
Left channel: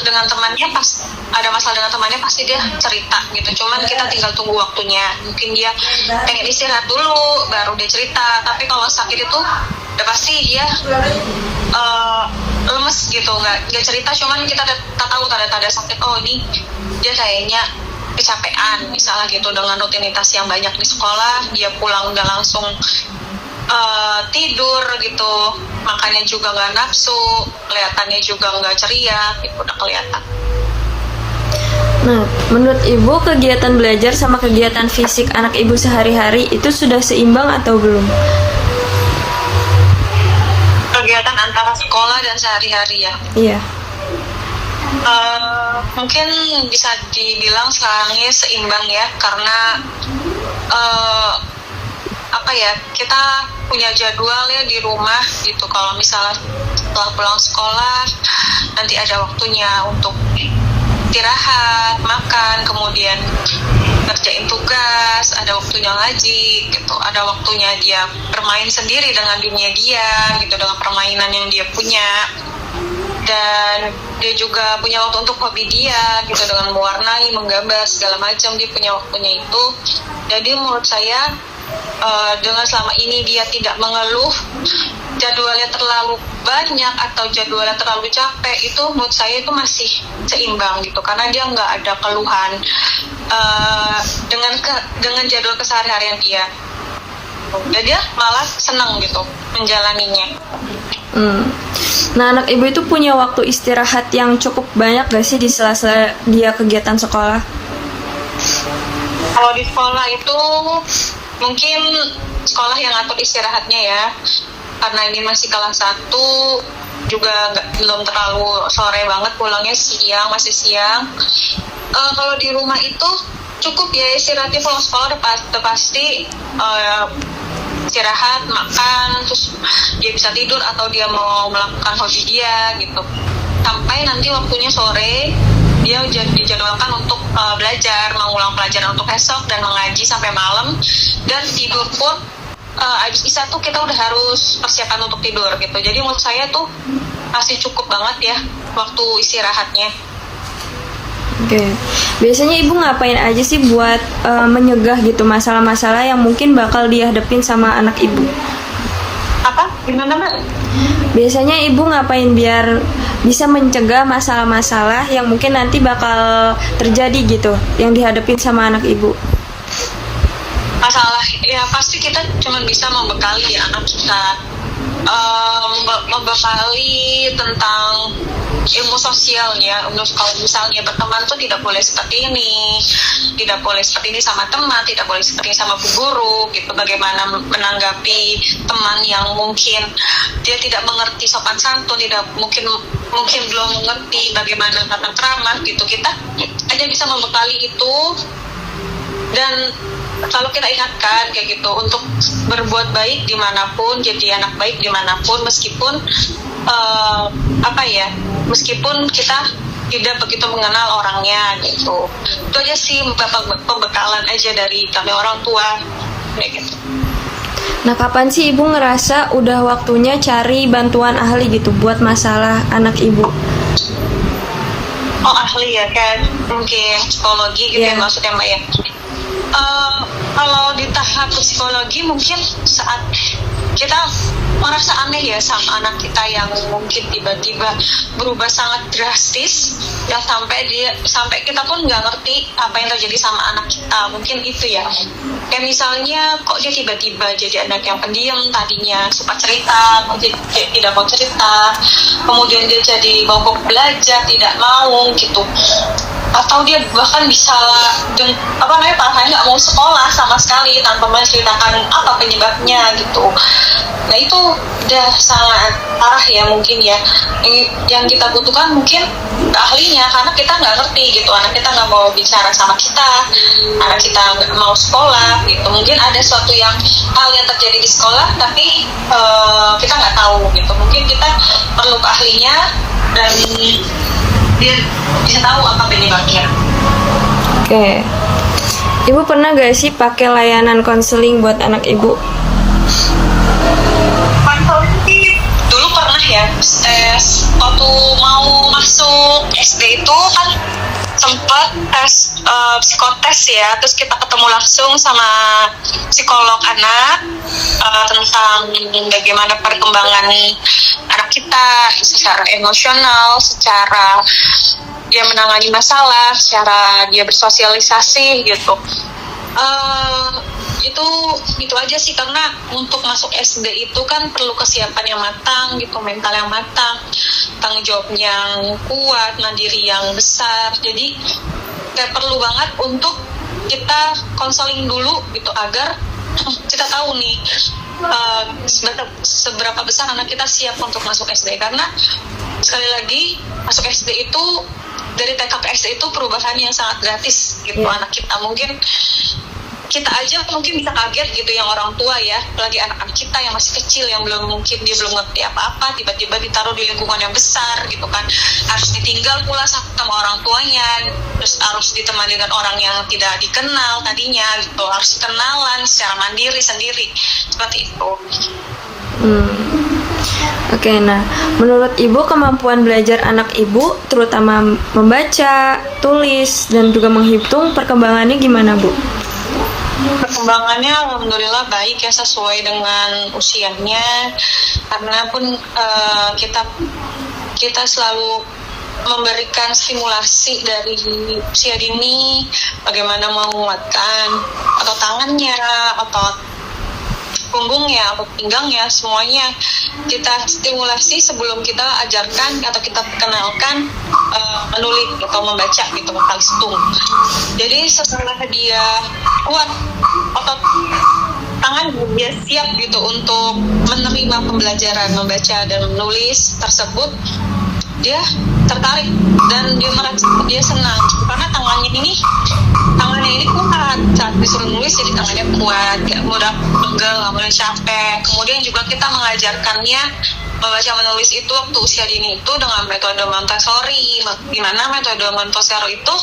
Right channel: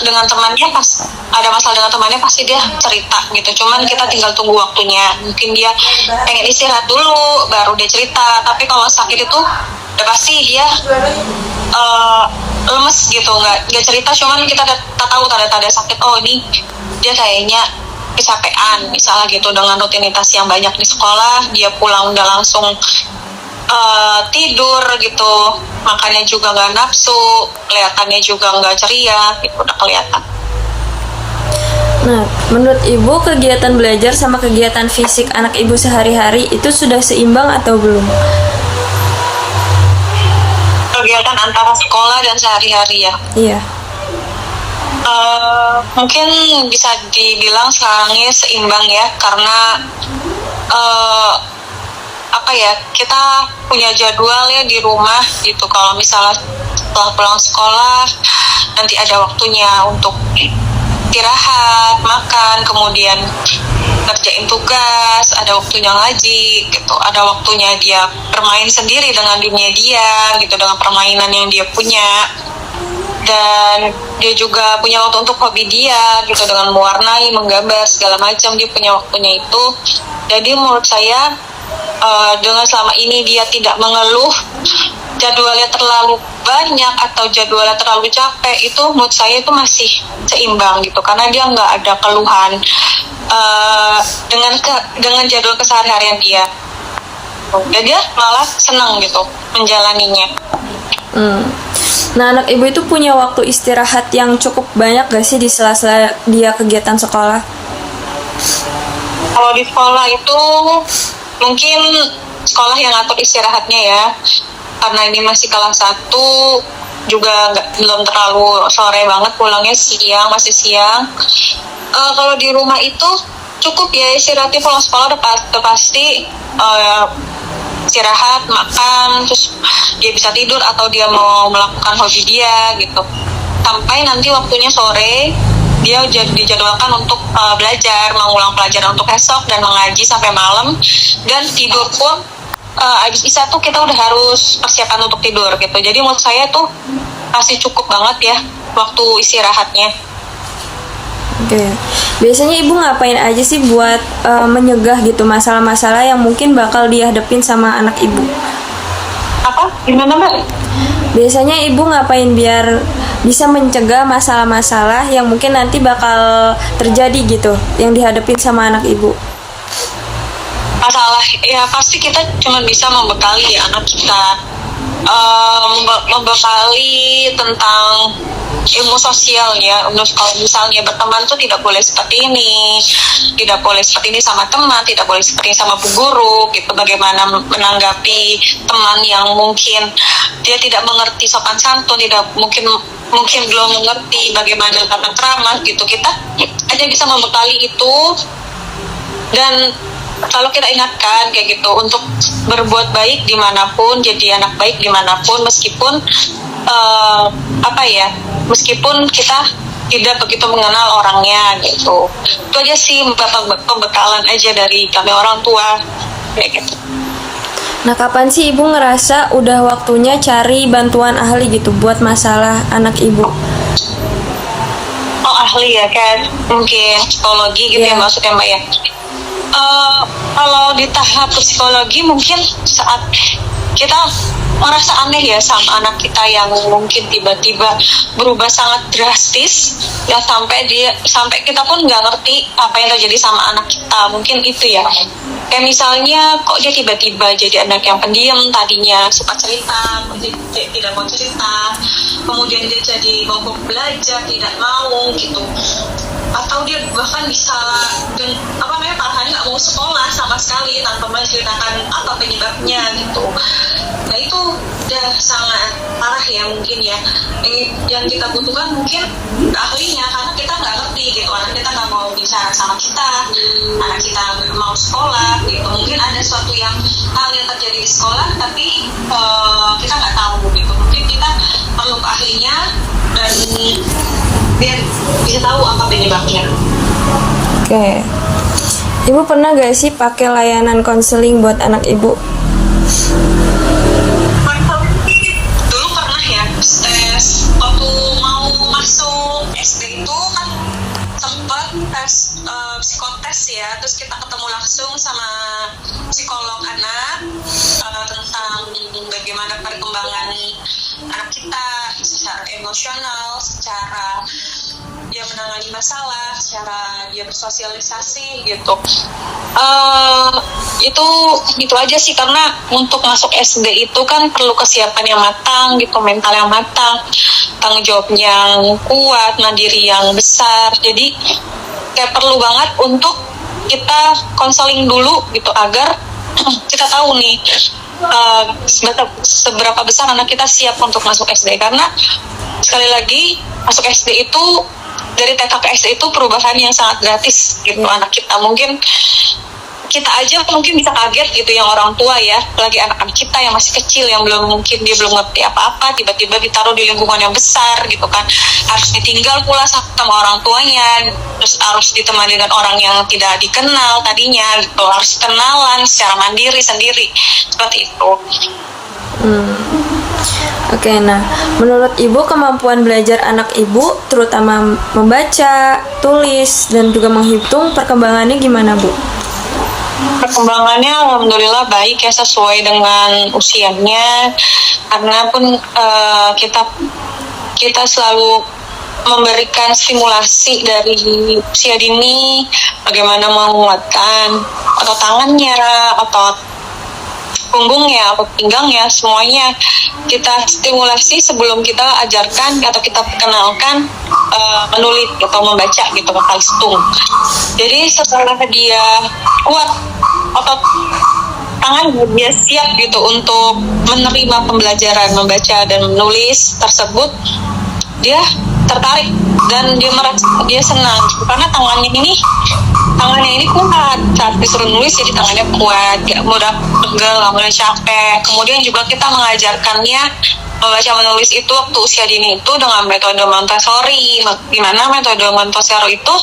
dengan temannya pas ada masalah dengan temannya pasti dia cerita gitu. Cuman kita tinggal tunggu waktunya. Mungkin dia pengen istirahat dulu baru dia cerita. Tapi kalau sakit itu udah pasti dia lemes gitu, nggak cerita. Cuman kita tahu tanda-tanda sakit. Oh ini dia kayaknya kecapean misalnya gitu dengan rutinitas yang banyak di sekolah. Dia pulang udah langsung tidur gitu, makannya juga nggak nafsu, kelihatannya juga nggak ceria gitu, udah kelihatan. Nah, menurut Ibu kegiatan belajar sama kegiatan fisik anak Ibu sehari-hari itu sudah seimbang atau belum? Kegiatan antara sekolah dan sehari-hari ya? Iya. Mungkin bisa dibilang sekarang ini seimbang ya, karena kita punya jadwal ya di rumah gitu. Kalau misalnya setelah pulang sekolah nanti ada waktunya untuk istirahat, makan, kemudian kerjain tugas, ada waktunya ngaji gitu, ada waktunya dia bermain sendiri dengan dunia dia gitu, dengan permainan yang dia punya. Dan dia juga punya waktu untuk hobi dia gitu, dengan mewarnai, menggambar segala macam, dia punya waktunya itu. Jadi menurut saya dengan selama ini dia tidak mengeluh jadwalnya terlalu banyak atau jadwalnya terlalu capek, itu menurut saya itu masih seimbang gitu, karena dia nggak ada keluhan dengan jadwal keseharian dia. Dan dia malah senang gitu menjalaninya. Nah, anak Ibu itu punya waktu istirahat yang cukup banyak gak sih di sela-sela dia kegiatan sekolah? Kalau di sekolah itu mungkin sekolah yang ngatur istirahatnya ya, karena ini masih kelas 1 juga belum terlalu sore banget, pulangnya siang, masih siang. Kalau di rumah itu cukup ya istirahatnya, pulang sekolah udah pasti istirahat, makan, terus dia bisa tidur atau dia mau melakukan hobi dia gitu. Sampai nanti waktunya sore dia dijadwalkan untuk belajar, mengulang pelajaran untuk esok dan mengaji sampai malam. Dan tidur pun abis isya tuh kita udah harus persiapan untuk tidur gitu. Jadi menurut saya tuh masih cukup banget ya waktu istirahatnya. Oke. Biasanya Ibu ngapain aja sih buat menyegah gitu masalah-masalah yang mungkin bakal dihadapin sama anak Ibu? Apa? Gimana Mbak? Biasanya Ibu ngapain biar bisa mencegah masalah-masalah yang mungkin nanti bakal terjadi gitu, yang dihadapin sama anak Ibu? Masalah ya pasti kita cuma bisa membekali anak kita, membekali tentang ilmu sosialnya. Kalau misalnya berteman tuh tidak boleh seperti ini, tidak boleh seperti ini sama teman, tidak boleh seperti ini sama bu guru gitu. Bagaimana menanggapi teman yang mungkin dia tidak mengerti sopan santun, tidak mungkin belum mengerti bagaimana tata krama gitu. Kita hanya bisa membekali itu dan selalu kita ingatkan kayak gitu untuk berbuat baik dimanapun, jadi anak baik dimanapun, meskipun meskipun kita tidak begitu mengenal orangnya gitu. Itu aja sih pembekalan aja dari kami orang tua kayak gitu. Nah, kapan sih Ibu ngerasa udah waktunya cari bantuan ahli gitu buat masalah anak Ibu? Oh, ahli ya, kayak mungkin psikologi gitu ya maksudnya Mbak ya. Kalau di tahap psikologi mungkin saat kita merasa aneh ya sama anak kita yang mungkin tiba-tiba berubah sangat drastis ya, sampai kita pun nggak ngerti apa yang terjadi sama anak kita. Mungkin itu ya, kayak misalnya kok dia tiba-tiba jadi anak yang pendiam, tadinya suka cerita dia tidak mau cerita, kemudian dia jadi mogok belajar, tidak mau gitu. atau dia bahkan bisa parahnya nggak mau sekolah sama sekali tanpa menceritakan apa penyebabnya gitu. Nah itu udah sangat parah ya mungkin ya. Yang kita butuhkan mungkin ahlinya, karena kita nggak ngerti gitu, anak kita nggak mau bicara sama kita, anak kita nggak mau sekolah gitu. Mungkin ada suatu hal yang terjadi di sekolah tapi kita nggak tahu gitu. Mungkin kita perlu ke ahlinya dan dia bisa tahu apa penyebabnya. Oke. Ibu pernah gak sih pakai layanan konseling buat anak ibu? Dulu pernah ya, waktu mau masuk SD itu kan sempat tes psikotes ya, terus kita ketemu langsung sama psikolog anak tentang bagaimana perkembangan anak kita secara emosional, secara dia menangani masalah, secara dia bersosialisasi gitu. Itu aja sih, karena untuk masuk SD itu kan perlu kesiapan yang matang gitu, mental yang matang, tanggung jawab yang kuat, mandiri yang besar. Jadi kayak perlu banget untuk kita konseling dulu gitu agar kita tahu nih seberapa besar anak kita siap untuk masuk SD. Karena sekali lagi masuk SD itu dari TK ke SD itu perubahan yang sangat gratis gitu. Anak kita mungkin kita aja mungkin bisa kaget gitu, yang orang tua ya, apalagi anak-anak kita yang masih kecil, yang belum ngerti apa-apa, tiba-tiba ditaruh di lingkungan yang besar gitu kan, harus ditinggal pula sama orang tuanya, terus harus ditemani dengan orang yang tidak dikenal tadinya gitu, harus kenalan secara mandiri sendiri, seperti itu. Oke, nah menurut ibu kemampuan belajar anak ibu terutama membaca, tulis, dan juga menghitung perkembangannya gimana Bu? Perkembangannya alhamdulillah baik ya, sesuai dengan usianya, karena pun kita selalu memberikan stimulasi dari usia dini, bagaimana menguatkan otot tangannya, otot punggungnya, otot pinggangnya, semuanya kita stimulasi sebelum kita ajarkan atau kita perkenalkan menulis atau membaca gitu, bakal hitung. Jadi setelah dia kuat otot tangan, dia siap gitu untuk menerima pembelajaran membaca dan menulis tersebut, dia tertarik dan dia merasa dia senang karena tangannya ini kuat saat disuruh nulis, jadi tangannya kuat, gak mudah pegel, gak mudah capek. Kemudian juga kita mengajarkannya membaca menulis itu waktu usia dini itu dengan metode Montessori, di mana metode Montessori itu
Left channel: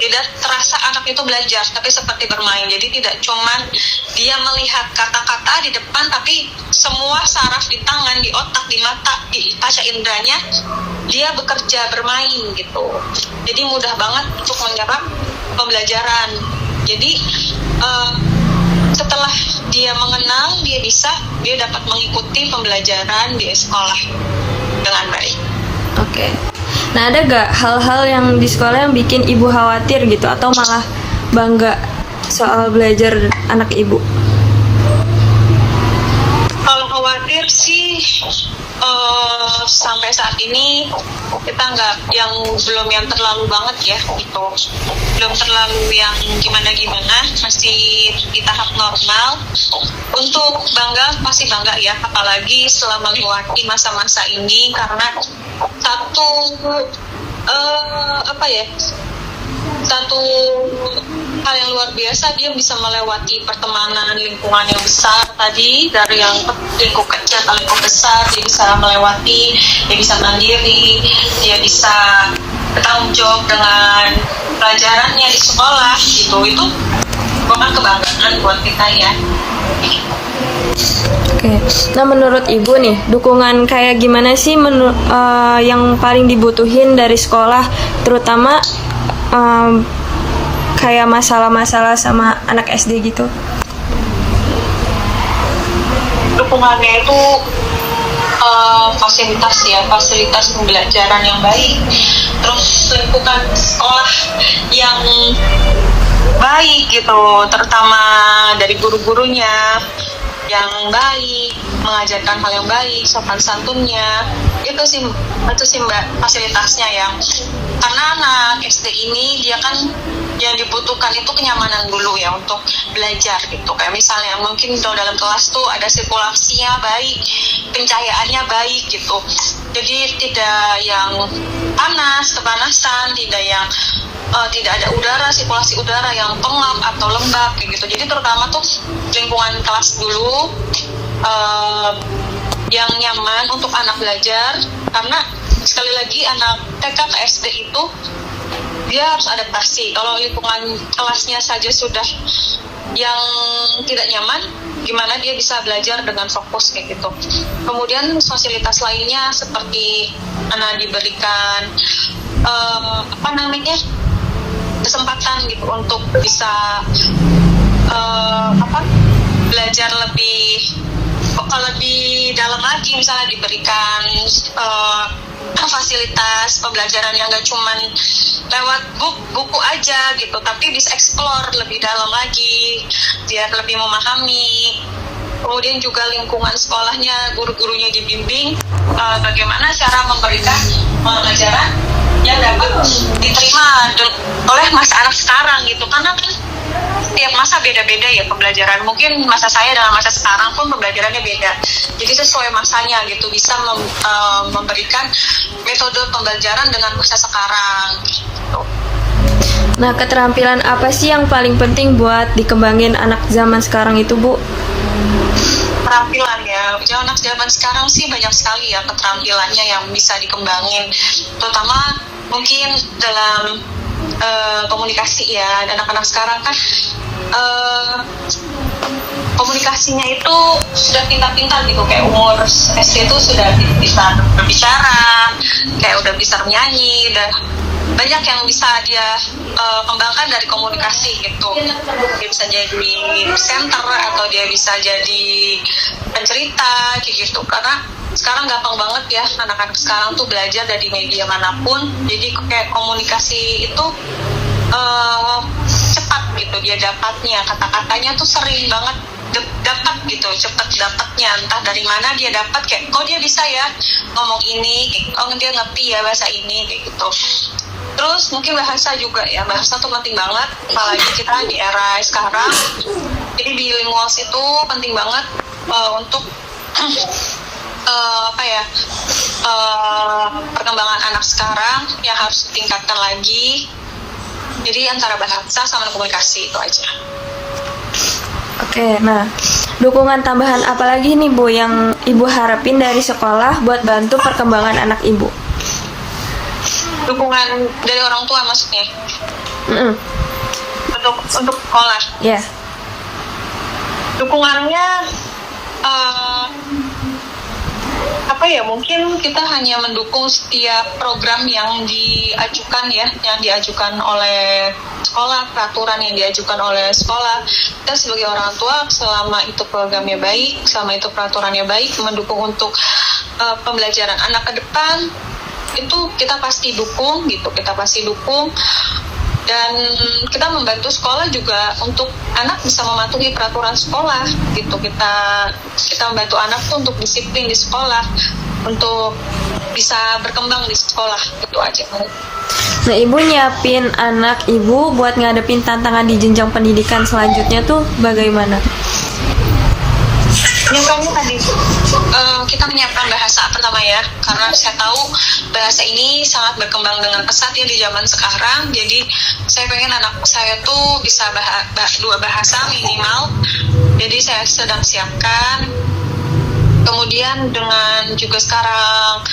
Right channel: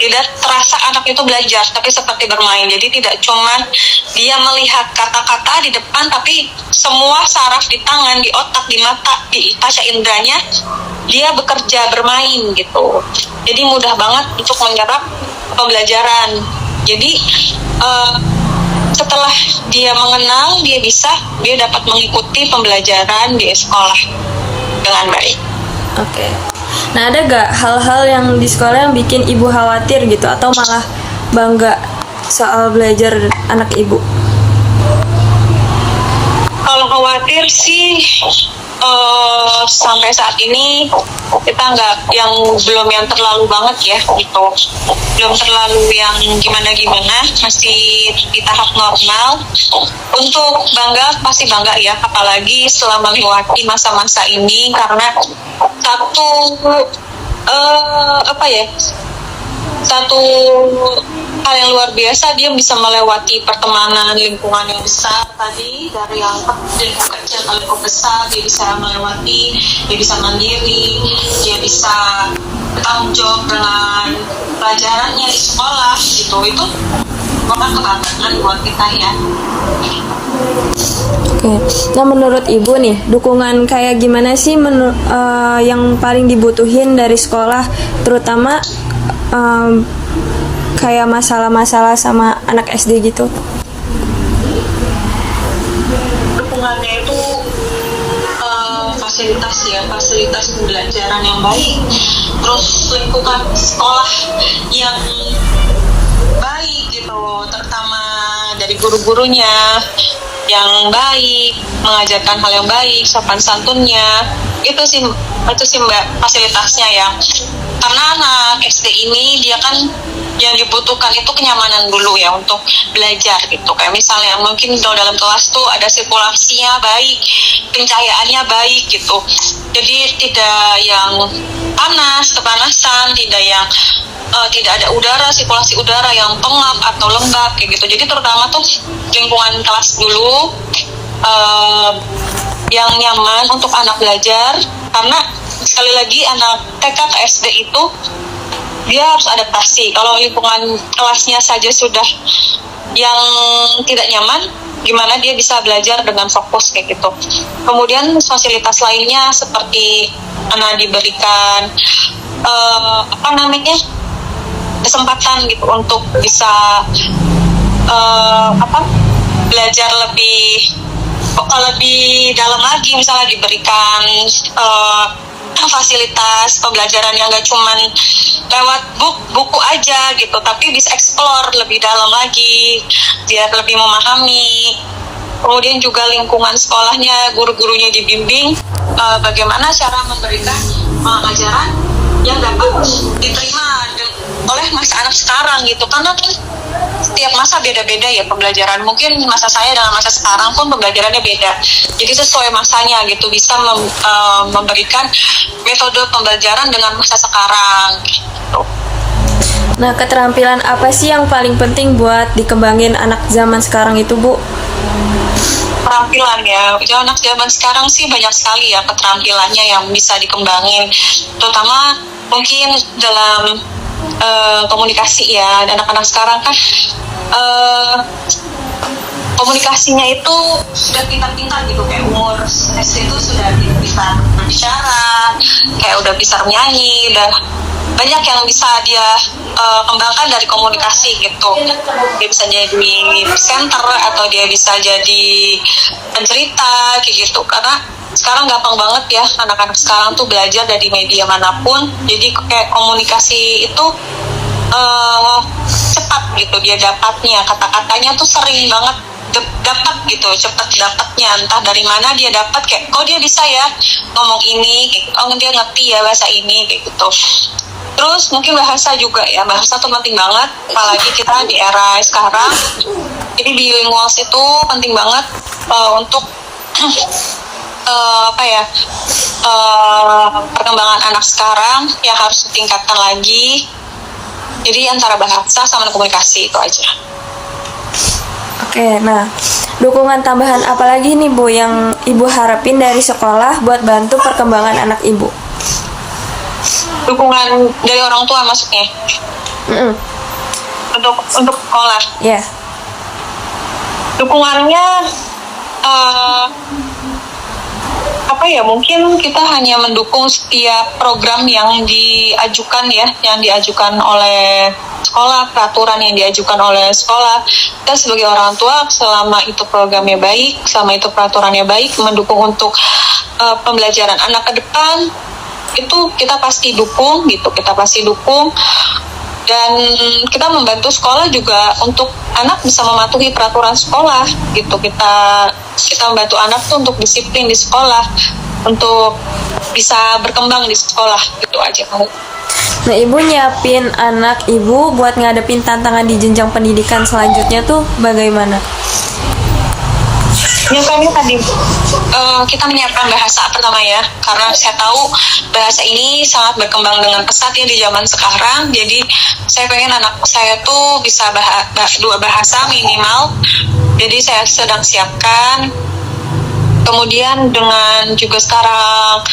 tidak terasa anak itu belajar, tapi seperti bermain. Jadi tidak cuma dia melihat kata-kata di depan, tapi semua saraf di tangan, di otak, di mata, di pasca inderanya dia bekerja bermain gitu. Jadi mudah banget untuk menyerap pembelajaran. Jadi setelah dia mengenal, dia dapat mengikuti pembelajaran di sekolah dengan baik. Oke. Nah, ada gak hal-hal yang di sekolah yang bikin ibu khawatir gitu, atau malah bangga soal belajar anak ibu? Kalau khawatir sih sampai saat ini kita belum yang terlalu banget ya gitu, belum terlalu yang gimana, masih di tahap normal. Untuk bangga pasti bangga ya, apalagi setelah melewati masa-masa ini, karena satu hal yang luar biasa, dia bisa melewati pertemanan lingkungan yang besar tadi, dari yang lingkup kecil ke lingkup besar, dia bisa melewati, dia bisa mandiri, dia bisa bertanggung jawab dengan pelajarannya di sekolah gitu. Itu bukan kebanggaan buat kita ya. Oke. Nah, menurut ibu nih, dukungan kayak gimana sih yang paling dibutuhin dari sekolah, terutama kayak masalah-masalah sama anak SD gitu? Dukungannya itu fasilitas pembelajaran yang baik, terus lingkungan sekolah yang baik gitu, terutama dari guru-gurunya yang baik, mengajarkan hal yang baik, sopan santunnya, itu sih Mbak fasilitasnya ya. karena anak SD ini dia kan yang dibutuhkan itu kenyamanan dulu ya untuk belajar gitu. Kayak misalnya mungkin kalau dalam kelas tuh ada sirkulasinya baik, pencahayaannya baik gitu. Jadi tidak yang panas, kepanasan, tidak ada udara, sirkulasi udara yang pengap atau lembab kayak gitu. Jadi terutama tuh lingkungan kelas dulu yang nyaman untuk anak belajar, karena sekali lagi anak TK ke SD itu dia harus adaptasi. Kalau lingkungan kelasnya saja sudah yang tidak nyaman, gimana dia bisa belajar dengan fokus kayak gitu. Kemudian fasilitas lainnya seperti anak diberikan kesempatan gitu untuk bisa belajar lebih dalam lagi, misalnya diberikan fasilitas pembelajaran yang gak cuman lewat buku aja gitu, tapi bisa explore lebih dalam lagi biar lebih memahami. Kemudian juga lingkungan sekolahnya, guru-gurunya dibimbing bagaimana cara memberikan pengajaran yang dapat diterima oleh masa anak sekarang gitu. Karena kan setiap masa beda-beda ya pembelajaran. Mungkin masa saya dengan masa sekarang pun pembelajarannya beda. Jadi sesuai masanya gitu, bisa memberikan metode pembelajaran dengan masa sekarang gitu. Nah, keterampilan apa sih yang paling penting buat dikembangin anak zaman sekarang itu, Bu? Keterampilan ya, anak zaman sekarang sih banyak sekali ya keterampilannya yang bisa dikembangin. Terutama mungkin dalam komunikasi ya. Anak-anak sekarang kan komunikasinya itu sudah pintar-pintar gitu, kayak umur SD itu sudah bisa berbicara, kayak udah bisa menyanyi, udah banyak yang bisa dia kembangkan dari komunikasi gitu. Dia bisa jadi presenter atau dia bisa jadi pencerita kayak gitu, karena sekarang gampang banget ya anak-anak sekarang tuh belajar dari media manapun. Jadi kayak komunikasi itu cepat gitu dia dapatnya, kata-katanya tuh sering banget dapat gitu, cepat dapatnya, entah dari mana dia dapat, kayak kok dia bisa ya ngomong ini, oh dia ngerti ya bahasa ini kayak gitu. Terus mungkin bahasa juga ya, bahasa tuh penting banget, apalagi kita di era sekarang. Jadi bilinguals itu penting banget untuk perkembangan anak sekarang yang harus ditingkatkan lagi. Jadi antara bahasa sama komunikasi itu aja. Oke, nah dukungan tambahan apa lagi nih, Bu, yang Ibu harapin dari sekolah buat bantu perkembangan anak Ibu? Dukungan dari orang tua maksudnya? Untuk sekolah? Ya. Yeah. Dukungannya mungkin kita hanya mendukung setiap program yang diajukan oleh sekolah, peraturan yang diajukan oleh sekolah. Kita sebagai orang tua, selama itu programnya baik, selama itu peraturannya baik, mendukung untuk pembelajaran anak ke depan, itu kita pasti dukung gitu, dan kita membantu sekolah juga untuk anak bisa mematuhi peraturan sekolah gitu. Kita membantu anak tuh untuk disiplin di sekolah, untuk bisa berkembang di sekolah, gitu aja. Nah, Ibu nyiapin anak Ibu buat ngadepin tantangan di jenjang pendidikan selanjutnya tuh bagaimana? Yang tadi kita menyiapkan bahasa pertama ya, karena saya tahu bahasa ini sangat berkembang dengan pesat ya di zaman sekarang. Jadi saya pengen anak saya tuh bisa dua bahasa minimal. Jadi saya sedang siapkan. Kemudian dengan juga sekarang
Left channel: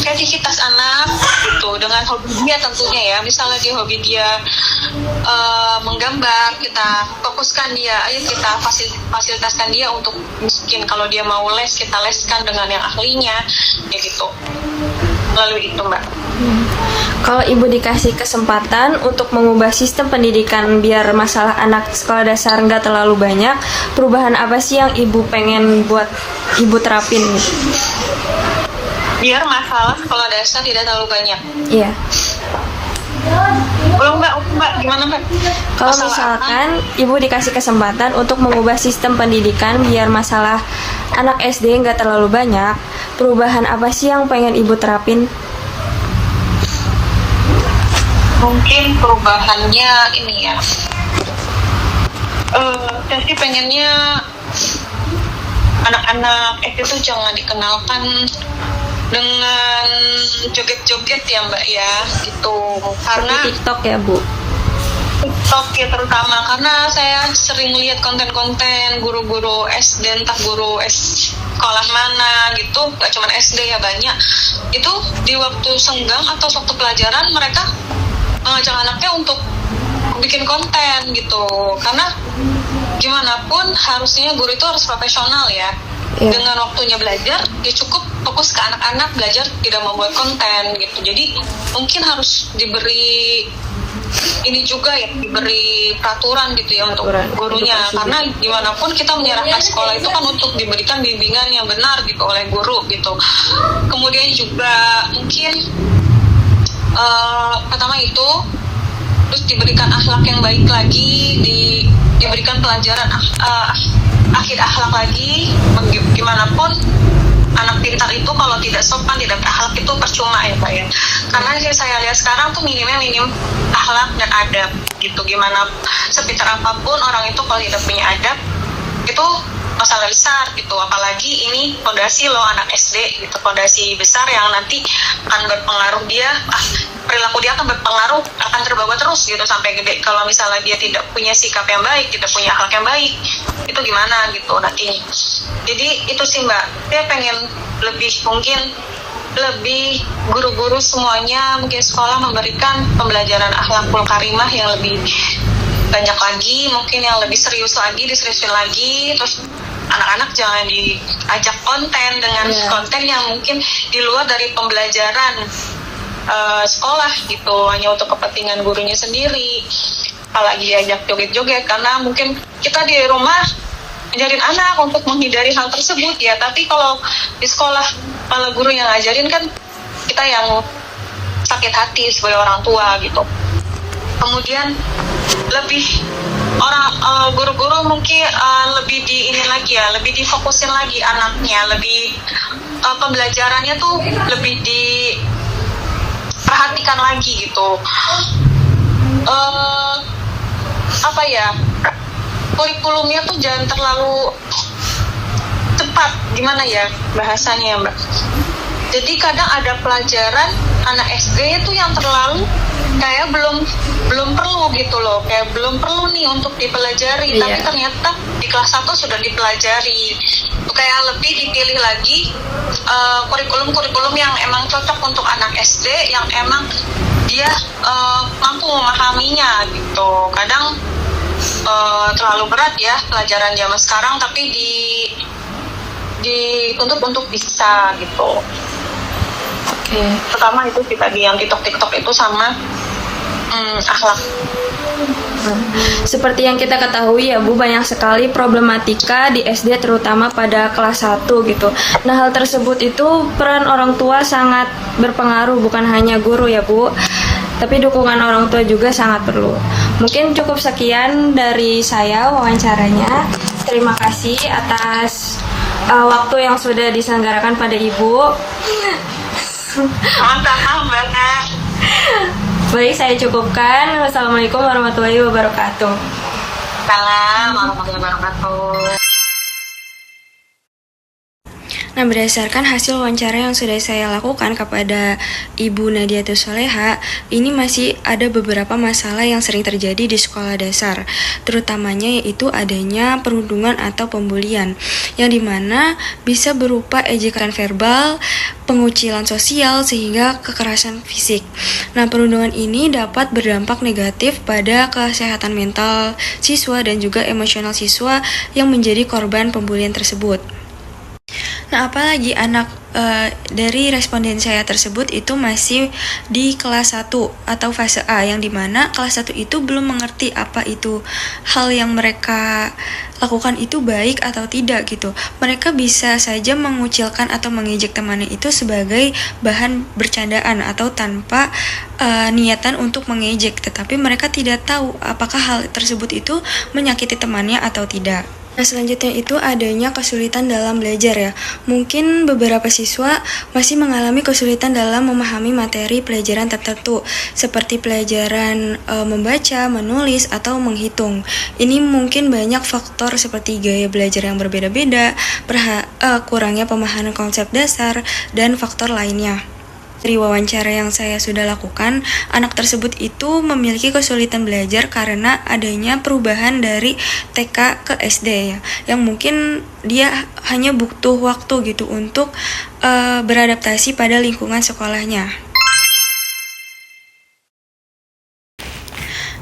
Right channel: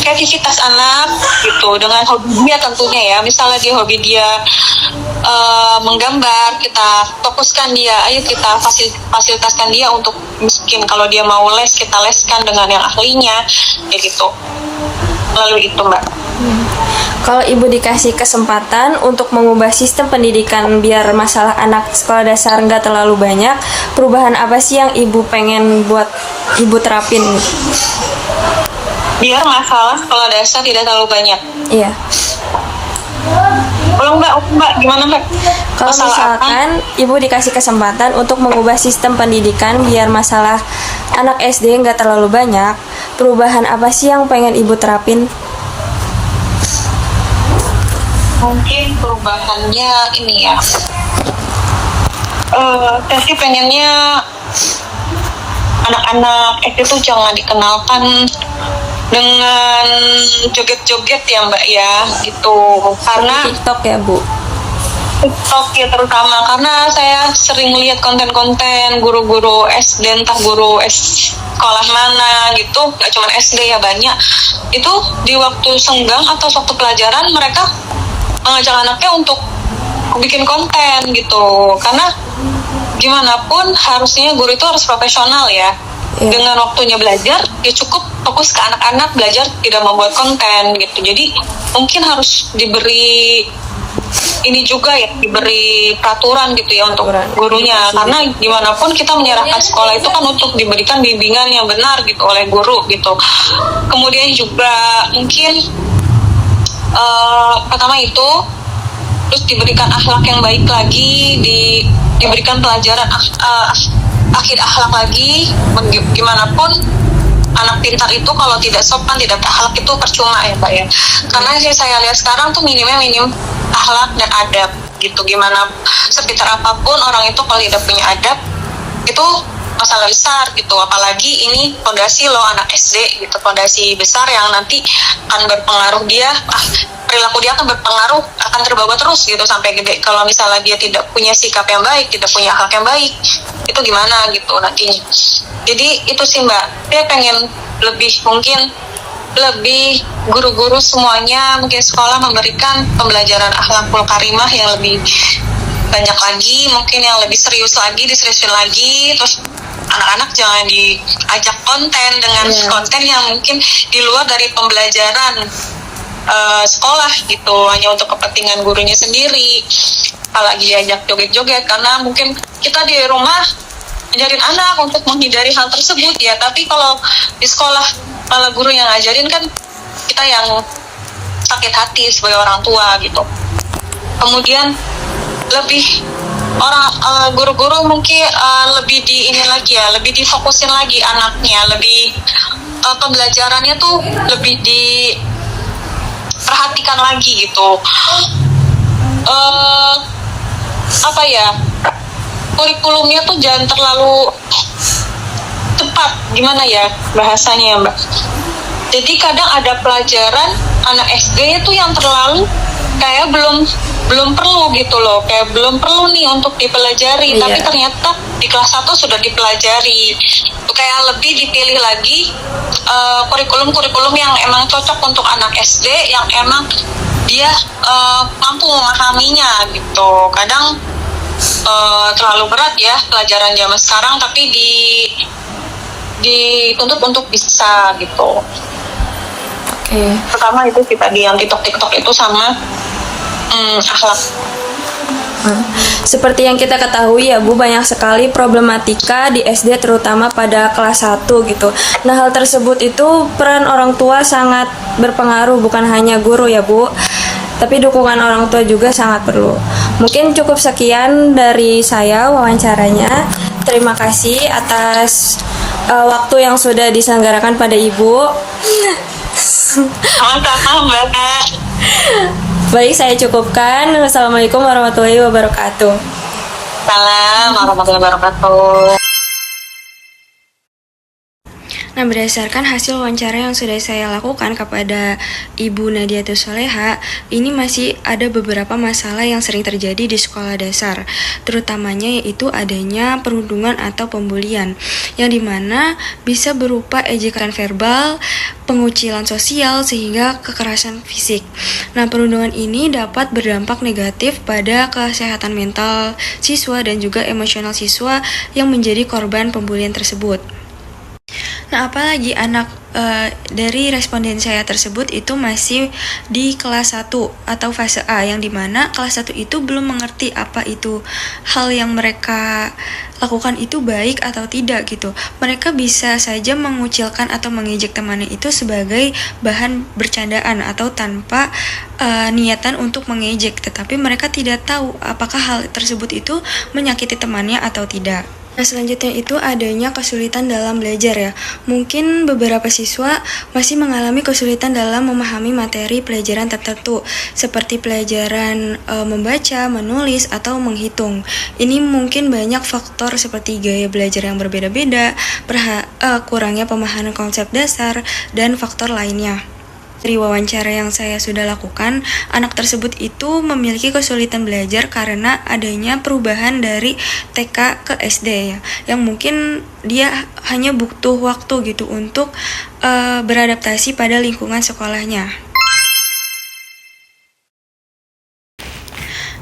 kreativitas anak gitu, dengan hobi dia tentunya ya. Misalnya dia hobi dia menggambar, kita fokuskan dia, ayo kita fasilitaskan dia untuk, mungkin kalau dia mau les, kita leskan dengan yang ahlinya kayak gitu. Lalu itu, Mbak. Kalau Ibu dikasih kesempatan untuk mengubah sistem pendidikan biar masalah anak sekolah dasar nggak terlalu banyak, perubahan apa sih yang Ibu pengen buat Ibu terapin? Biar masalah sekolah dasar tidak terlalu banyak. Iya. Mbak, gimana Mbak? Kalau misalkan Ibu dikasih kesempatan untuk mengubah sistem pendidikan biar masalah anak SD nggak terlalu banyak, perubahan apa sih yang pengen Ibu terapin? Mungkin perubahannya ini ya. Saya sih pengennya anak-anak SD tuh jangan dikenalkan dengan joget-joget ya Mbak ya, gitu. Karena TikTok ya Bu. TikTok ya terutama, karena saya sering lihat konten-konten guru-guru SD, entah guru sekolah mana gitu, gak cuma SD ya, banyak. Itu di waktu senggang atau waktu pelajaran mereka mengajak anaknya untuk bikin konten gitu. Karena gimana pun harusnya guru itu harus profesional ya. Dengan waktunya belajar, ya cukup fokus ke anak-anak, belajar tidak membuat konten gitu. Jadi mungkin harus diberi ini juga ya, diberi peraturan gitu ya untuk gurunya. Karena gimana pun kita menyerahkan sekolah itu kan untuk diberikan bimbingan yang benar gitu oleh guru gitu. Kemudian juga mungkin pertama itu, terus diberikan akhlak yang baik lagi, diberikan pelajaran akhir akhlak lagi. Gimana pun anak pintar itu kalau tidak sopan, tidak berakhlak itu percuma ya Pak ya. Karena saya lihat sekarang tuh minim akhlak dan adab gitu. Gimana sepintar apapun orang itu kalau tidak punya adab, itu masalah besar gitu. Apalagi ini fondasi loh, anak SD gitu, fondasi besar yang nanti akan berpengaruh perilaku dia akan berpengaruh, akan terbawa terus gitu sampai gede. Kalau misalnya dia tidak punya sikap yang baik, tidak punya akhlak yang baik, itu gimana gitu nantinya. Jadi itu sih Mbak, saya pengen mungkin lebih guru-guru semuanya, mungkin sekolah memberikan pembelajaran akhlakul karimah yang lebih banyak lagi, mungkin yang lebih serius lagi, diseriusin lagi. Terus anak-anak jangan diajak konten dengan konten yang mungkin di luar dari pembelajaran sekolah gitu, hanya untuk kepentingan gurunya sendiri. Apalagi diajak joget-joget, karena mungkin kita di rumah ngajarin anak untuk menghindari hal tersebut ya, tapi kalau di sekolah malah guru yang ngajarin, kan kita yang sakit hati sebagai orang tua gitu. Kemudian lebih guru-guru mungkin lebih lebih difokusin lagi anaknya, lebih pembelajarannya tuh lebih diperhatikan lagi gitu. Kurikulumnya tuh jangan terlalu cepat, gimana ya bahasanya ya Mbak. Jadi kadang ada pelajaran anak SD itu yang terlalu kayak belum perlu gitu loh, kayak belum perlu nih untuk dipelajari, tapi ternyata di kelas 1 sudah dipelajari. Kayak lebih dipilih lagi kurikulum yang emang cocok untuk anak SD, yang emang dia mampu memahaminya gitu. Kadang terlalu berat ya pelajaran zaman sekarang, tapi dituntut untuk bisa gitu. Pertama itu kita di yang TikTok itu sama akhlak. Seperti yang kita ketahui ya Bu, banyak sekali problematika di SD terutama pada kelas 1 gitu. Nah, hal tersebut itu peran orang tua sangat berpengaruh, bukan hanya guru ya Bu, tapi dukungan orang tua juga sangat perlu. Mungkin cukup sekian dari saya wawancaranya. Terima kasih atas waktu yang sudah diselenggarakan pada Ibu. Baik, saya cukupkan. Wassalamualaikum warahmatullahi wabarakatuh. Salam warahmatullahi wabarakatuh. Nah, berdasarkan hasil wawancara yang sudah saya lakukan kepada Ibu Nadiatus Soleha, ini masih ada beberapa masalah yang sering terjadi di sekolah dasar, terutamanya yaitu adanya perundungan atau pembulian, yang dimana bisa berupa ejekan verbal, pengucilan sosial, sehingga kekerasan fisik. Nah, perundungan ini dapat berdampak negatif pada kesehatan mental siswa dan juga emosional siswa yang menjadi korban pembulian tersebut. Nah, apalagi anak dari responden saya tersebut itu masih di kelas 1 atau fase A, yang dimana kelas 1 itu belum mengerti apa itu hal yang mereka lakukan itu baik atau tidak gitu. Mereka bisa saja mengucilkan atau mengejek temannya itu sebagai bahan bercandaan atau tanpa niatan untuk mengejek, tetapi mereka tidak tahu apakah hal tersebut itu menyakiti temannya atau tidak. Nah, selanjutnya itu adanya kesulitan dalam belajar ya. Mungkin beberapa siswa masih mengalami kesulitan dalam memahami materi pelajaran tertentu, seperti pelajaran membaca, menulis, atau menghitung. Ini mungkin banyak faktor seperti gaya belajar yang berbeda-beda, kurangnya pemahaman konsep dasar, dan faktor lainnya. Dari wawancara yang saya sudah lakukan, anak tersebut itu memiliki kesulitan belajar karena adanya perubahan dari TK ke SD ya, yang mungkin dia hanya butuh waktu gitu untuk beradaptasi pada lingkungan sekolahnya.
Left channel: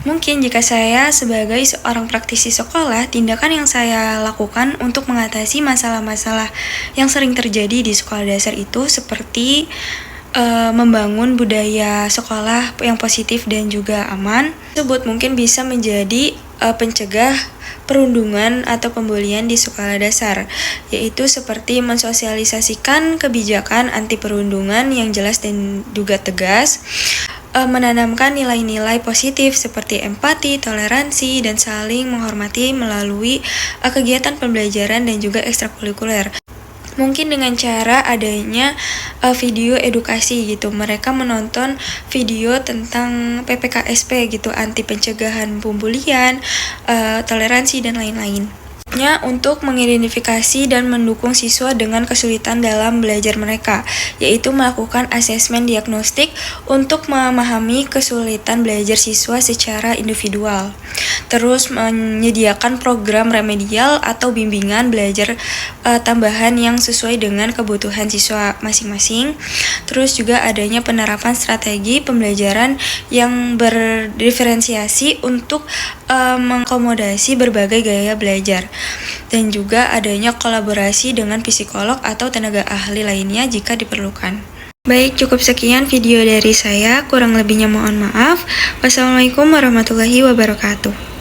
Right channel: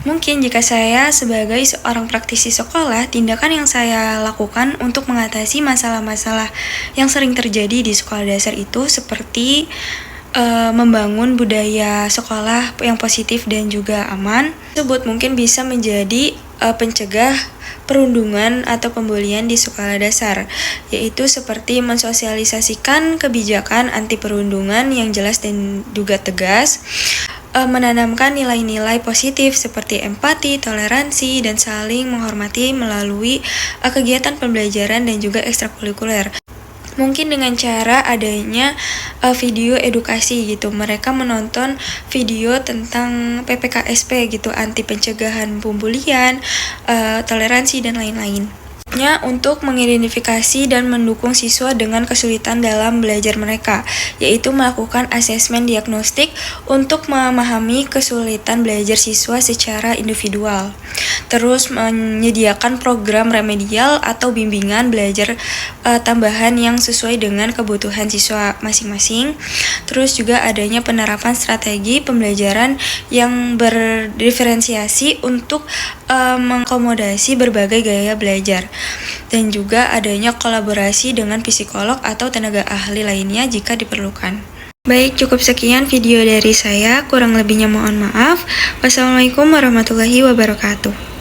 Mungkin jika saya sebagai seorang praktisi sekolah, tindakan yang saya lakukan untuk mengatasi masalah-masalah yang sering terjadi di sekolah dasar itu seperti membangun budaya sekolah yang positif dan juga aman. Tersebut mungkin bisa menjadi pencegah perundungan atau pembulian di sekolah dasar, yaitu seperti mensosialisasikan kebijakan anti perundungan yang jelas dan juga tegas, menanamkan nilai-nilai positif seperti empati, toleransi, dan saling menghormati melalui kegiatan pembelajaran dan juga ekstrakurikuler. Mungkin dengan cara adanya video edukasi gitu, mereka menonton video tentang PPKSP gitu, anti pencegahan pembulian, toleransi, dan lain-lain. Untuk mengidentifikasi dan mendukung siswa dengan kesulitan dalam belajar mereka, yaitu melakukan asesmen diagnostik untuk memahami kesulitan belajar siswa secara individual. Terus menyediakan program remedial atau bimbingan belajar tambahan yang sesuai dengan kebutuhan siswa masing-masing. Terus juga adanya penerapan strategi pembelajaran yang berdiferensiasi untuk mengakomodasi berbagai gaya belajar. Dan juga adanya kolaborasi dengan psikolog atau tenaga ahli lainnya jika diperlukan. Baik, cukup sekian video dari saya. Kurang lebihnya mohon maaf. Wassalamualaikum warahmatullahi wabarakatuh.